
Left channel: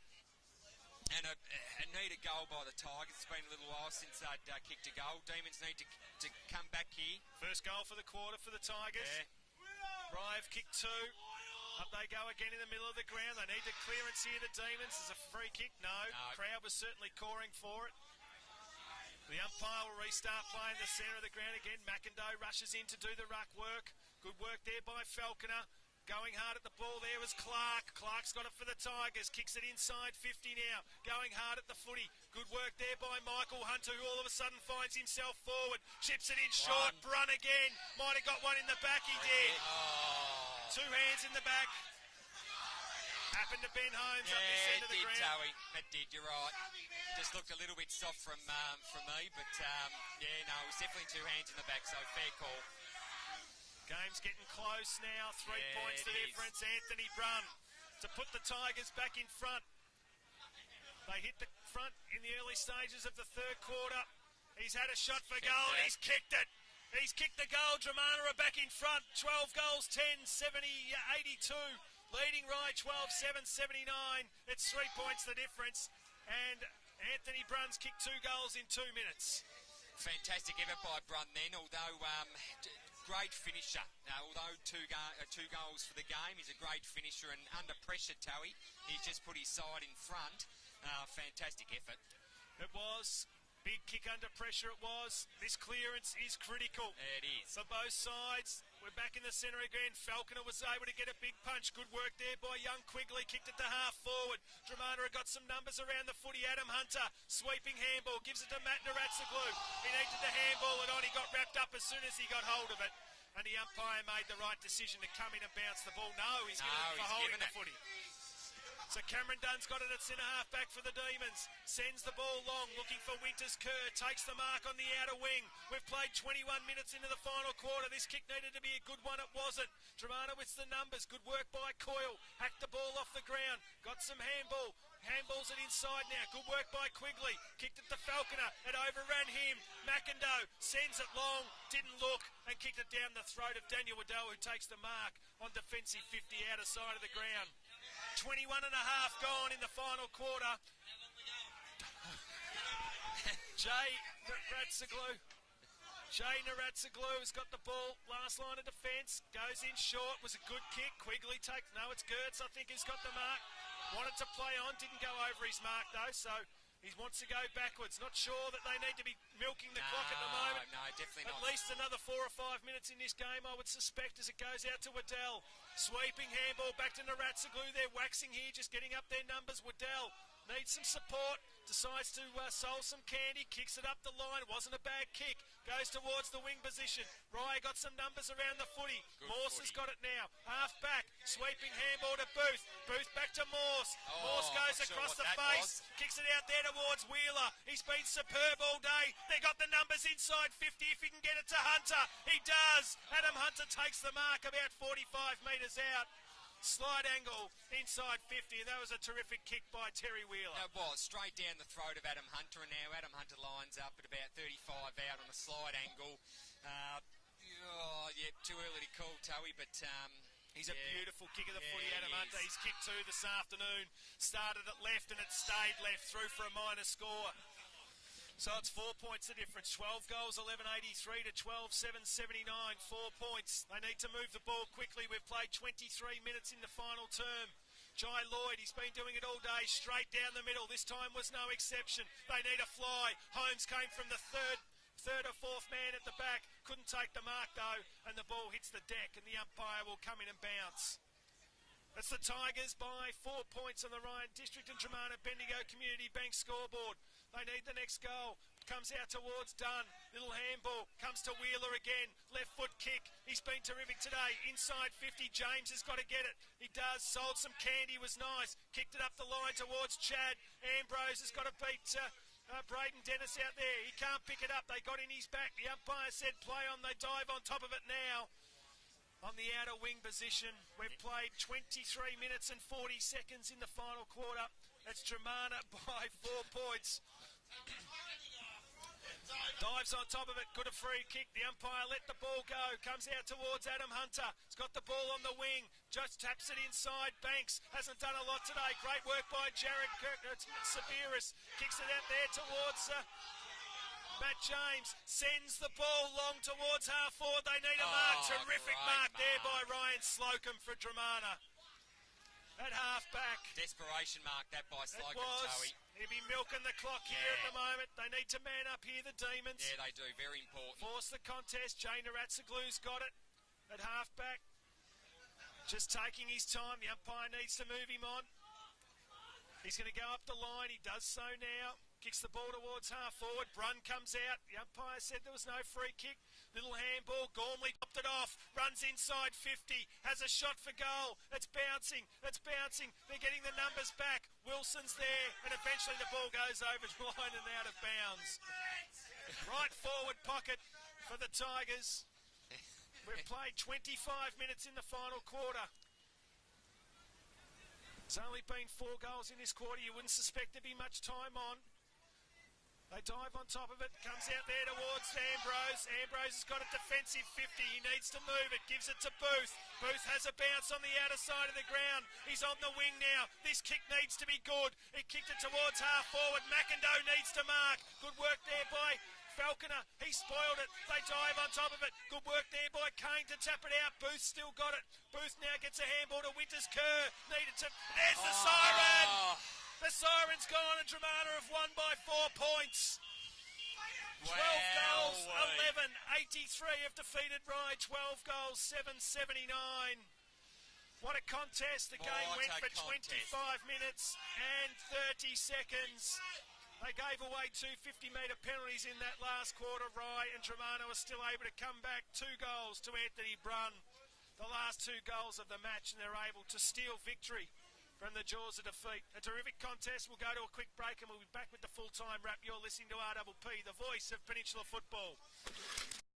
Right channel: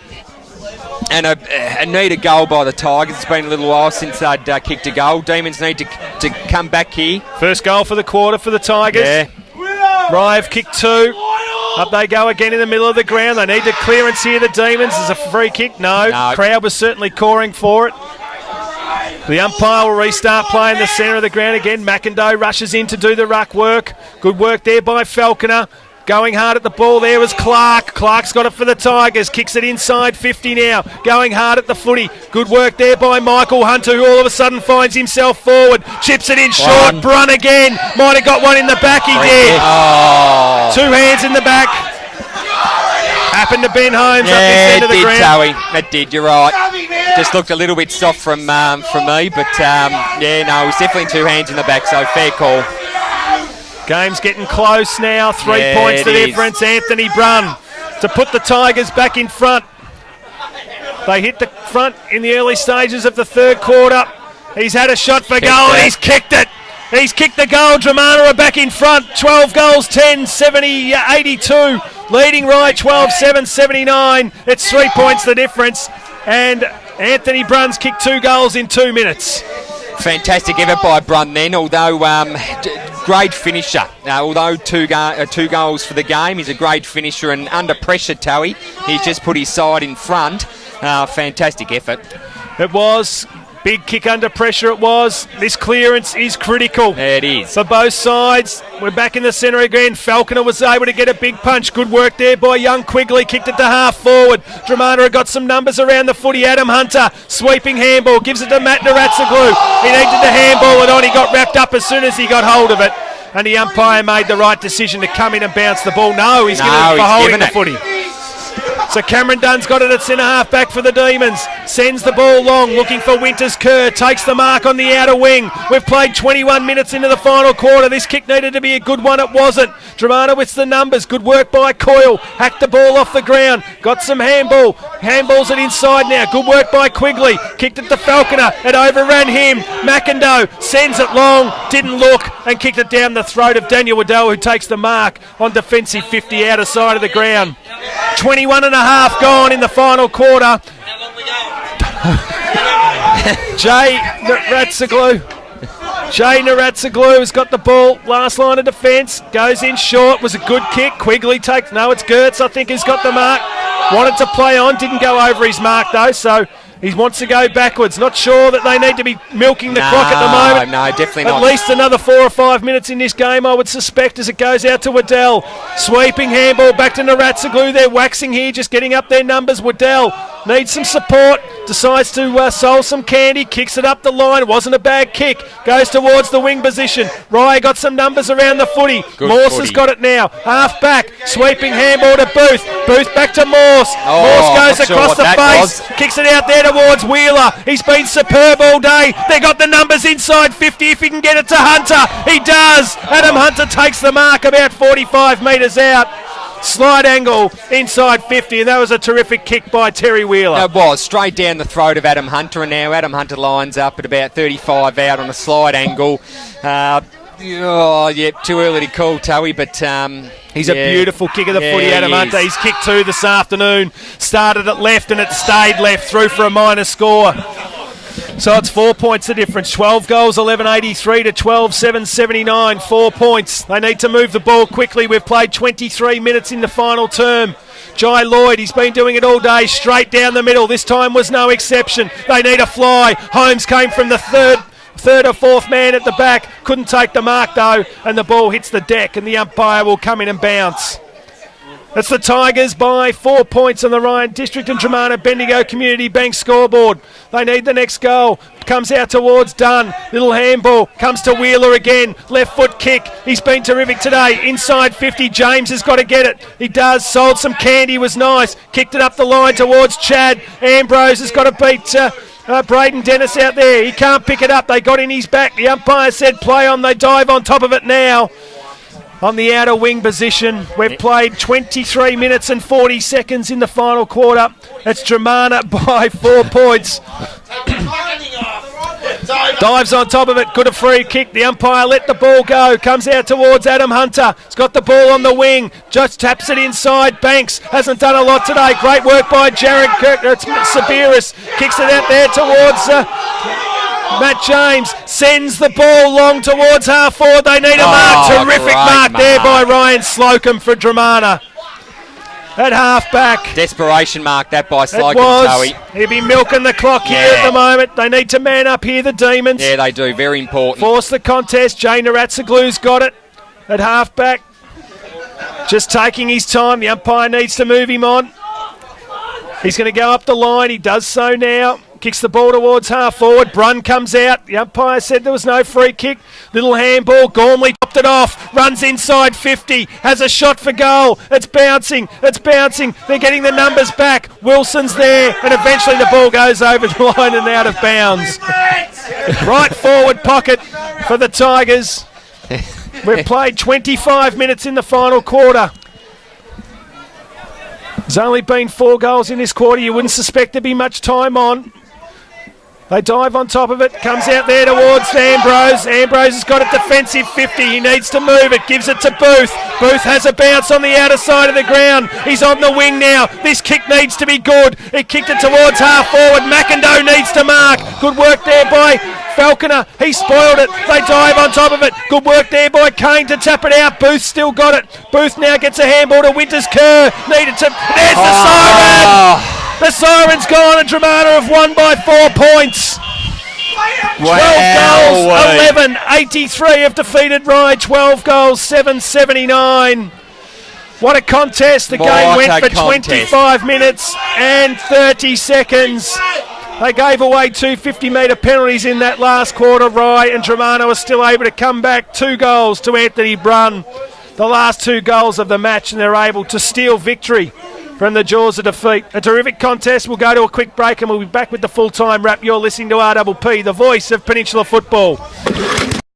And a needed goal by the Tigers. It's been a little while since they'd kicked a goal. Demons need to come back here. First goal for the quarter for the Tigers. Yeah. Rye have kicked 2. Up they go again in the middle of the ground. They need the clearance here, the Demons. There's a free kick. No. Crowd was certainly coring for it. The umpire will restart playing the centre of the ground again. McIndoe rushes in to do the ruck work. Good work there by Falconer. Going hard at the ball there was Clark. Clark's got it for the Tigers. Kicks it inside 50 now. Going hard at the footy. Good work there by Michael Hunter, who all of a sudden finds himself forward. Chips it in short. Brun again. Might have got one in the back. He did. Oh. 2 hands in the back. Happened to Ben Holmes up this end of the ground. Towie. It did, you're right. Just looked a little bit soft from me, but it was definitely 2 hands in the back, so fair call. Game's getting close now. 3 points the difference. Anthony Brun to put the Tigers back in front. They hit the front in the early stages of the third quarter. He's had a shot for goal and he's kicked it. He's kicked the goal. Dromana are back in front. 12 goals, 10, 70, 82. Leading Rye 12-7, 79. It's 3 points the difference. And Anthony Brun's kicked 2 goals in 2 minutes. Fantastic effort by Brun then, although great finisher. Although two goals for the game, he's a great finisher, and under pressure, Towie, he's just put his side in front. Fantastic effort. It was. Big kick under pressure it was. This clearance is critical. It is. For both sides. We're back in the centre again. Falconer was able to get a big punch. Good work there by young Quigley. Kicked it to half forward. Dromana got some numbers around the footy. Adam Hunter, sweeping handball. Gives it to Matt Naratsaglu. He needed to handball it on. He got wrapped up as soon as he got hold of it. And the umpire made the right decision to come in and bounce the ball. No, he's giving it for holding the footy. So Cameron Dunn's got it at centre half back for the Demons. Sends the ball long, looking for Winters Kerr. Takes the mark on the outer wing. We've played 21 minutes into the final quarter. This kick needed to be a good one. It wasn't. Dromana with the numbers. Good work by Coyle. Hacked the ball off the ground. Got some handball. Handballs it inside now. Good work by Quigley. Kicked it to Falconer. It overran him. McIndoe sends it long. Didn't look and kicked it down the throat of Daniel Waddell, who takes the mark on defensive 50 outer side of the ground. 21 and a half gone in the final quarter. Jay Naratsaglu has got the ball. Last line of defence. Goes in short. Was a good kick. Quigley takes... No, it's Gertz, I think, has got the mark. Wanted to play on. Didn't go over his mark, though, so... He wants to go backwards. Not sure that they need to be milking the clock at the moment. No, definitely not. At least another 4 or 5 minutes in this game, I would suspect, as it goes out to Waddell. Sweeping handball back to Naratsaglu. They're waxing here, just getting up their numbers. Waddell needs some support. Decides to soul some candy. Kicks it up the line. It wasn't a bad kick. Goes towards the wing position. Rye got some numbers around the footy. Morse has got it now. Half back. Sweeping handball to Booth. Booth back to Morse. Morse goes across the face. Kicks it out there towards Wheeler. He's been superb all day. They got the numbers inside 50 if he can get it to Hunter. He does. Adam Hunter takes the mark about 45 metres out. Slide angle inside 50, and that was a terrific kick by Terry Wheeler. It was straight down the throat of Adam Hunter, and now Adam Hunter lines up at about 35 out on a slide angle. Too early to call, Towie, but... He's a beautiful kick of the footy, Adam Hunter. He's kicked 2 this afternoon. Started at left and it stayed left, through for a minor score. So it's 4 points the difference. 12 goals, 11.83 to 12.779. 4 points. They need to move the ball quickly. We've played 23 minutes in the final term. Jai Lloyd, he's been doing it all day, straight down the middle. This time was no exception. They need a fly. Holmes came from the third or fourth man at the back. Couldn't take the mark, though, and the ball hits the deck, and the umpire will come in and bounce. That's the Tigers by 4 points on the Ryan District and Dromana Bendigo Community Bank scoreboard. They need the next goal. Comes out towards Dunn. Little handball. Comes to Wheeler again. Left foot kick. He's been terrific today. Inside 50. James has got to get it. He does. Sold some candy. Was nice. Kicked it up the line towards Chad. Ambrose has got to beat... Braden Dennis out there. He can't pick it up. They got in his back. The umpire said play on. They dive on top of it now. on the outer wing position. We've played 23 minutes and 40 seconds in the final quarter. It's Dromana by 4 points. Dives on top of it, good a free kick. The umpire let the ball go, comes out towards Adam Hunter. He's got the ball on the wing, just taps it inside. Banks hasn't done a lot today. Great work by Jared Kirk. It's Sabiris, kicks it out there towards Matt James, sends the ball long towards half forward. They need a mark. Terrific mark there by Ryan Slocum for Dromana. At half-back. Desperation mark that by Slocum. It was. He'll be milking the clock here at the moment. They need to man up here, the Demons. Yeah, they do. Very important. Force the contest. Jay Naratsaglu's got it at half-back. Just taking his time. The umpire needs to move him on. He's going to go up the line. He does so now. Kicks the ball towards half forward. Brun comes out. The umpire said there was no free kick. Little handball. Gormley topped it off. Runs inside 50. Has a shot for goal. It's bouncing. It's bouncing. They're getting the numbers back. Wilson's there. And eventually the ball goes over the line and out of bounds. Right forward pocket for the Tigers. We've played 25 minutes in the final quarter. There's only been 4 goals in this quarter. You wouldn't suspect there'd be much time on. They dive on top of it. Comes out there towards Ambrose. Ambrose has got a defensive 50. He needs to move it. Gives it to Booth. Booth has a bounce on the outer side of the ground. He's on the wing now. This kick needs to be good. He kicked it towards half forward. McIndoe needs to mark. Good work there by Falconer. He spoiled it. They dive on top of it. Good work there by Kane to tap it out. Booth still got it. Booth now gets a handball to Winters Kerr. Needed to... There's the siren! The siren's gone and Dromana have won by 4 points. 12 goals, 11, 83 have defeated Rye. 12 goals, 779. What a contest. The game went for 25 minutes and 30 seconds. They gave away 2 50-metre penalties in that last quarter, Rye, and Dromana was still able to come back. 2 goals to Anthony Brun. The last 2 goals of the match, and they're able to steal victory from the jaws of defeat. A terrific contest. We'll go to a quick break and we'll be back with the full-time wrap. You're listening to RPP, the voice of Peninsula football.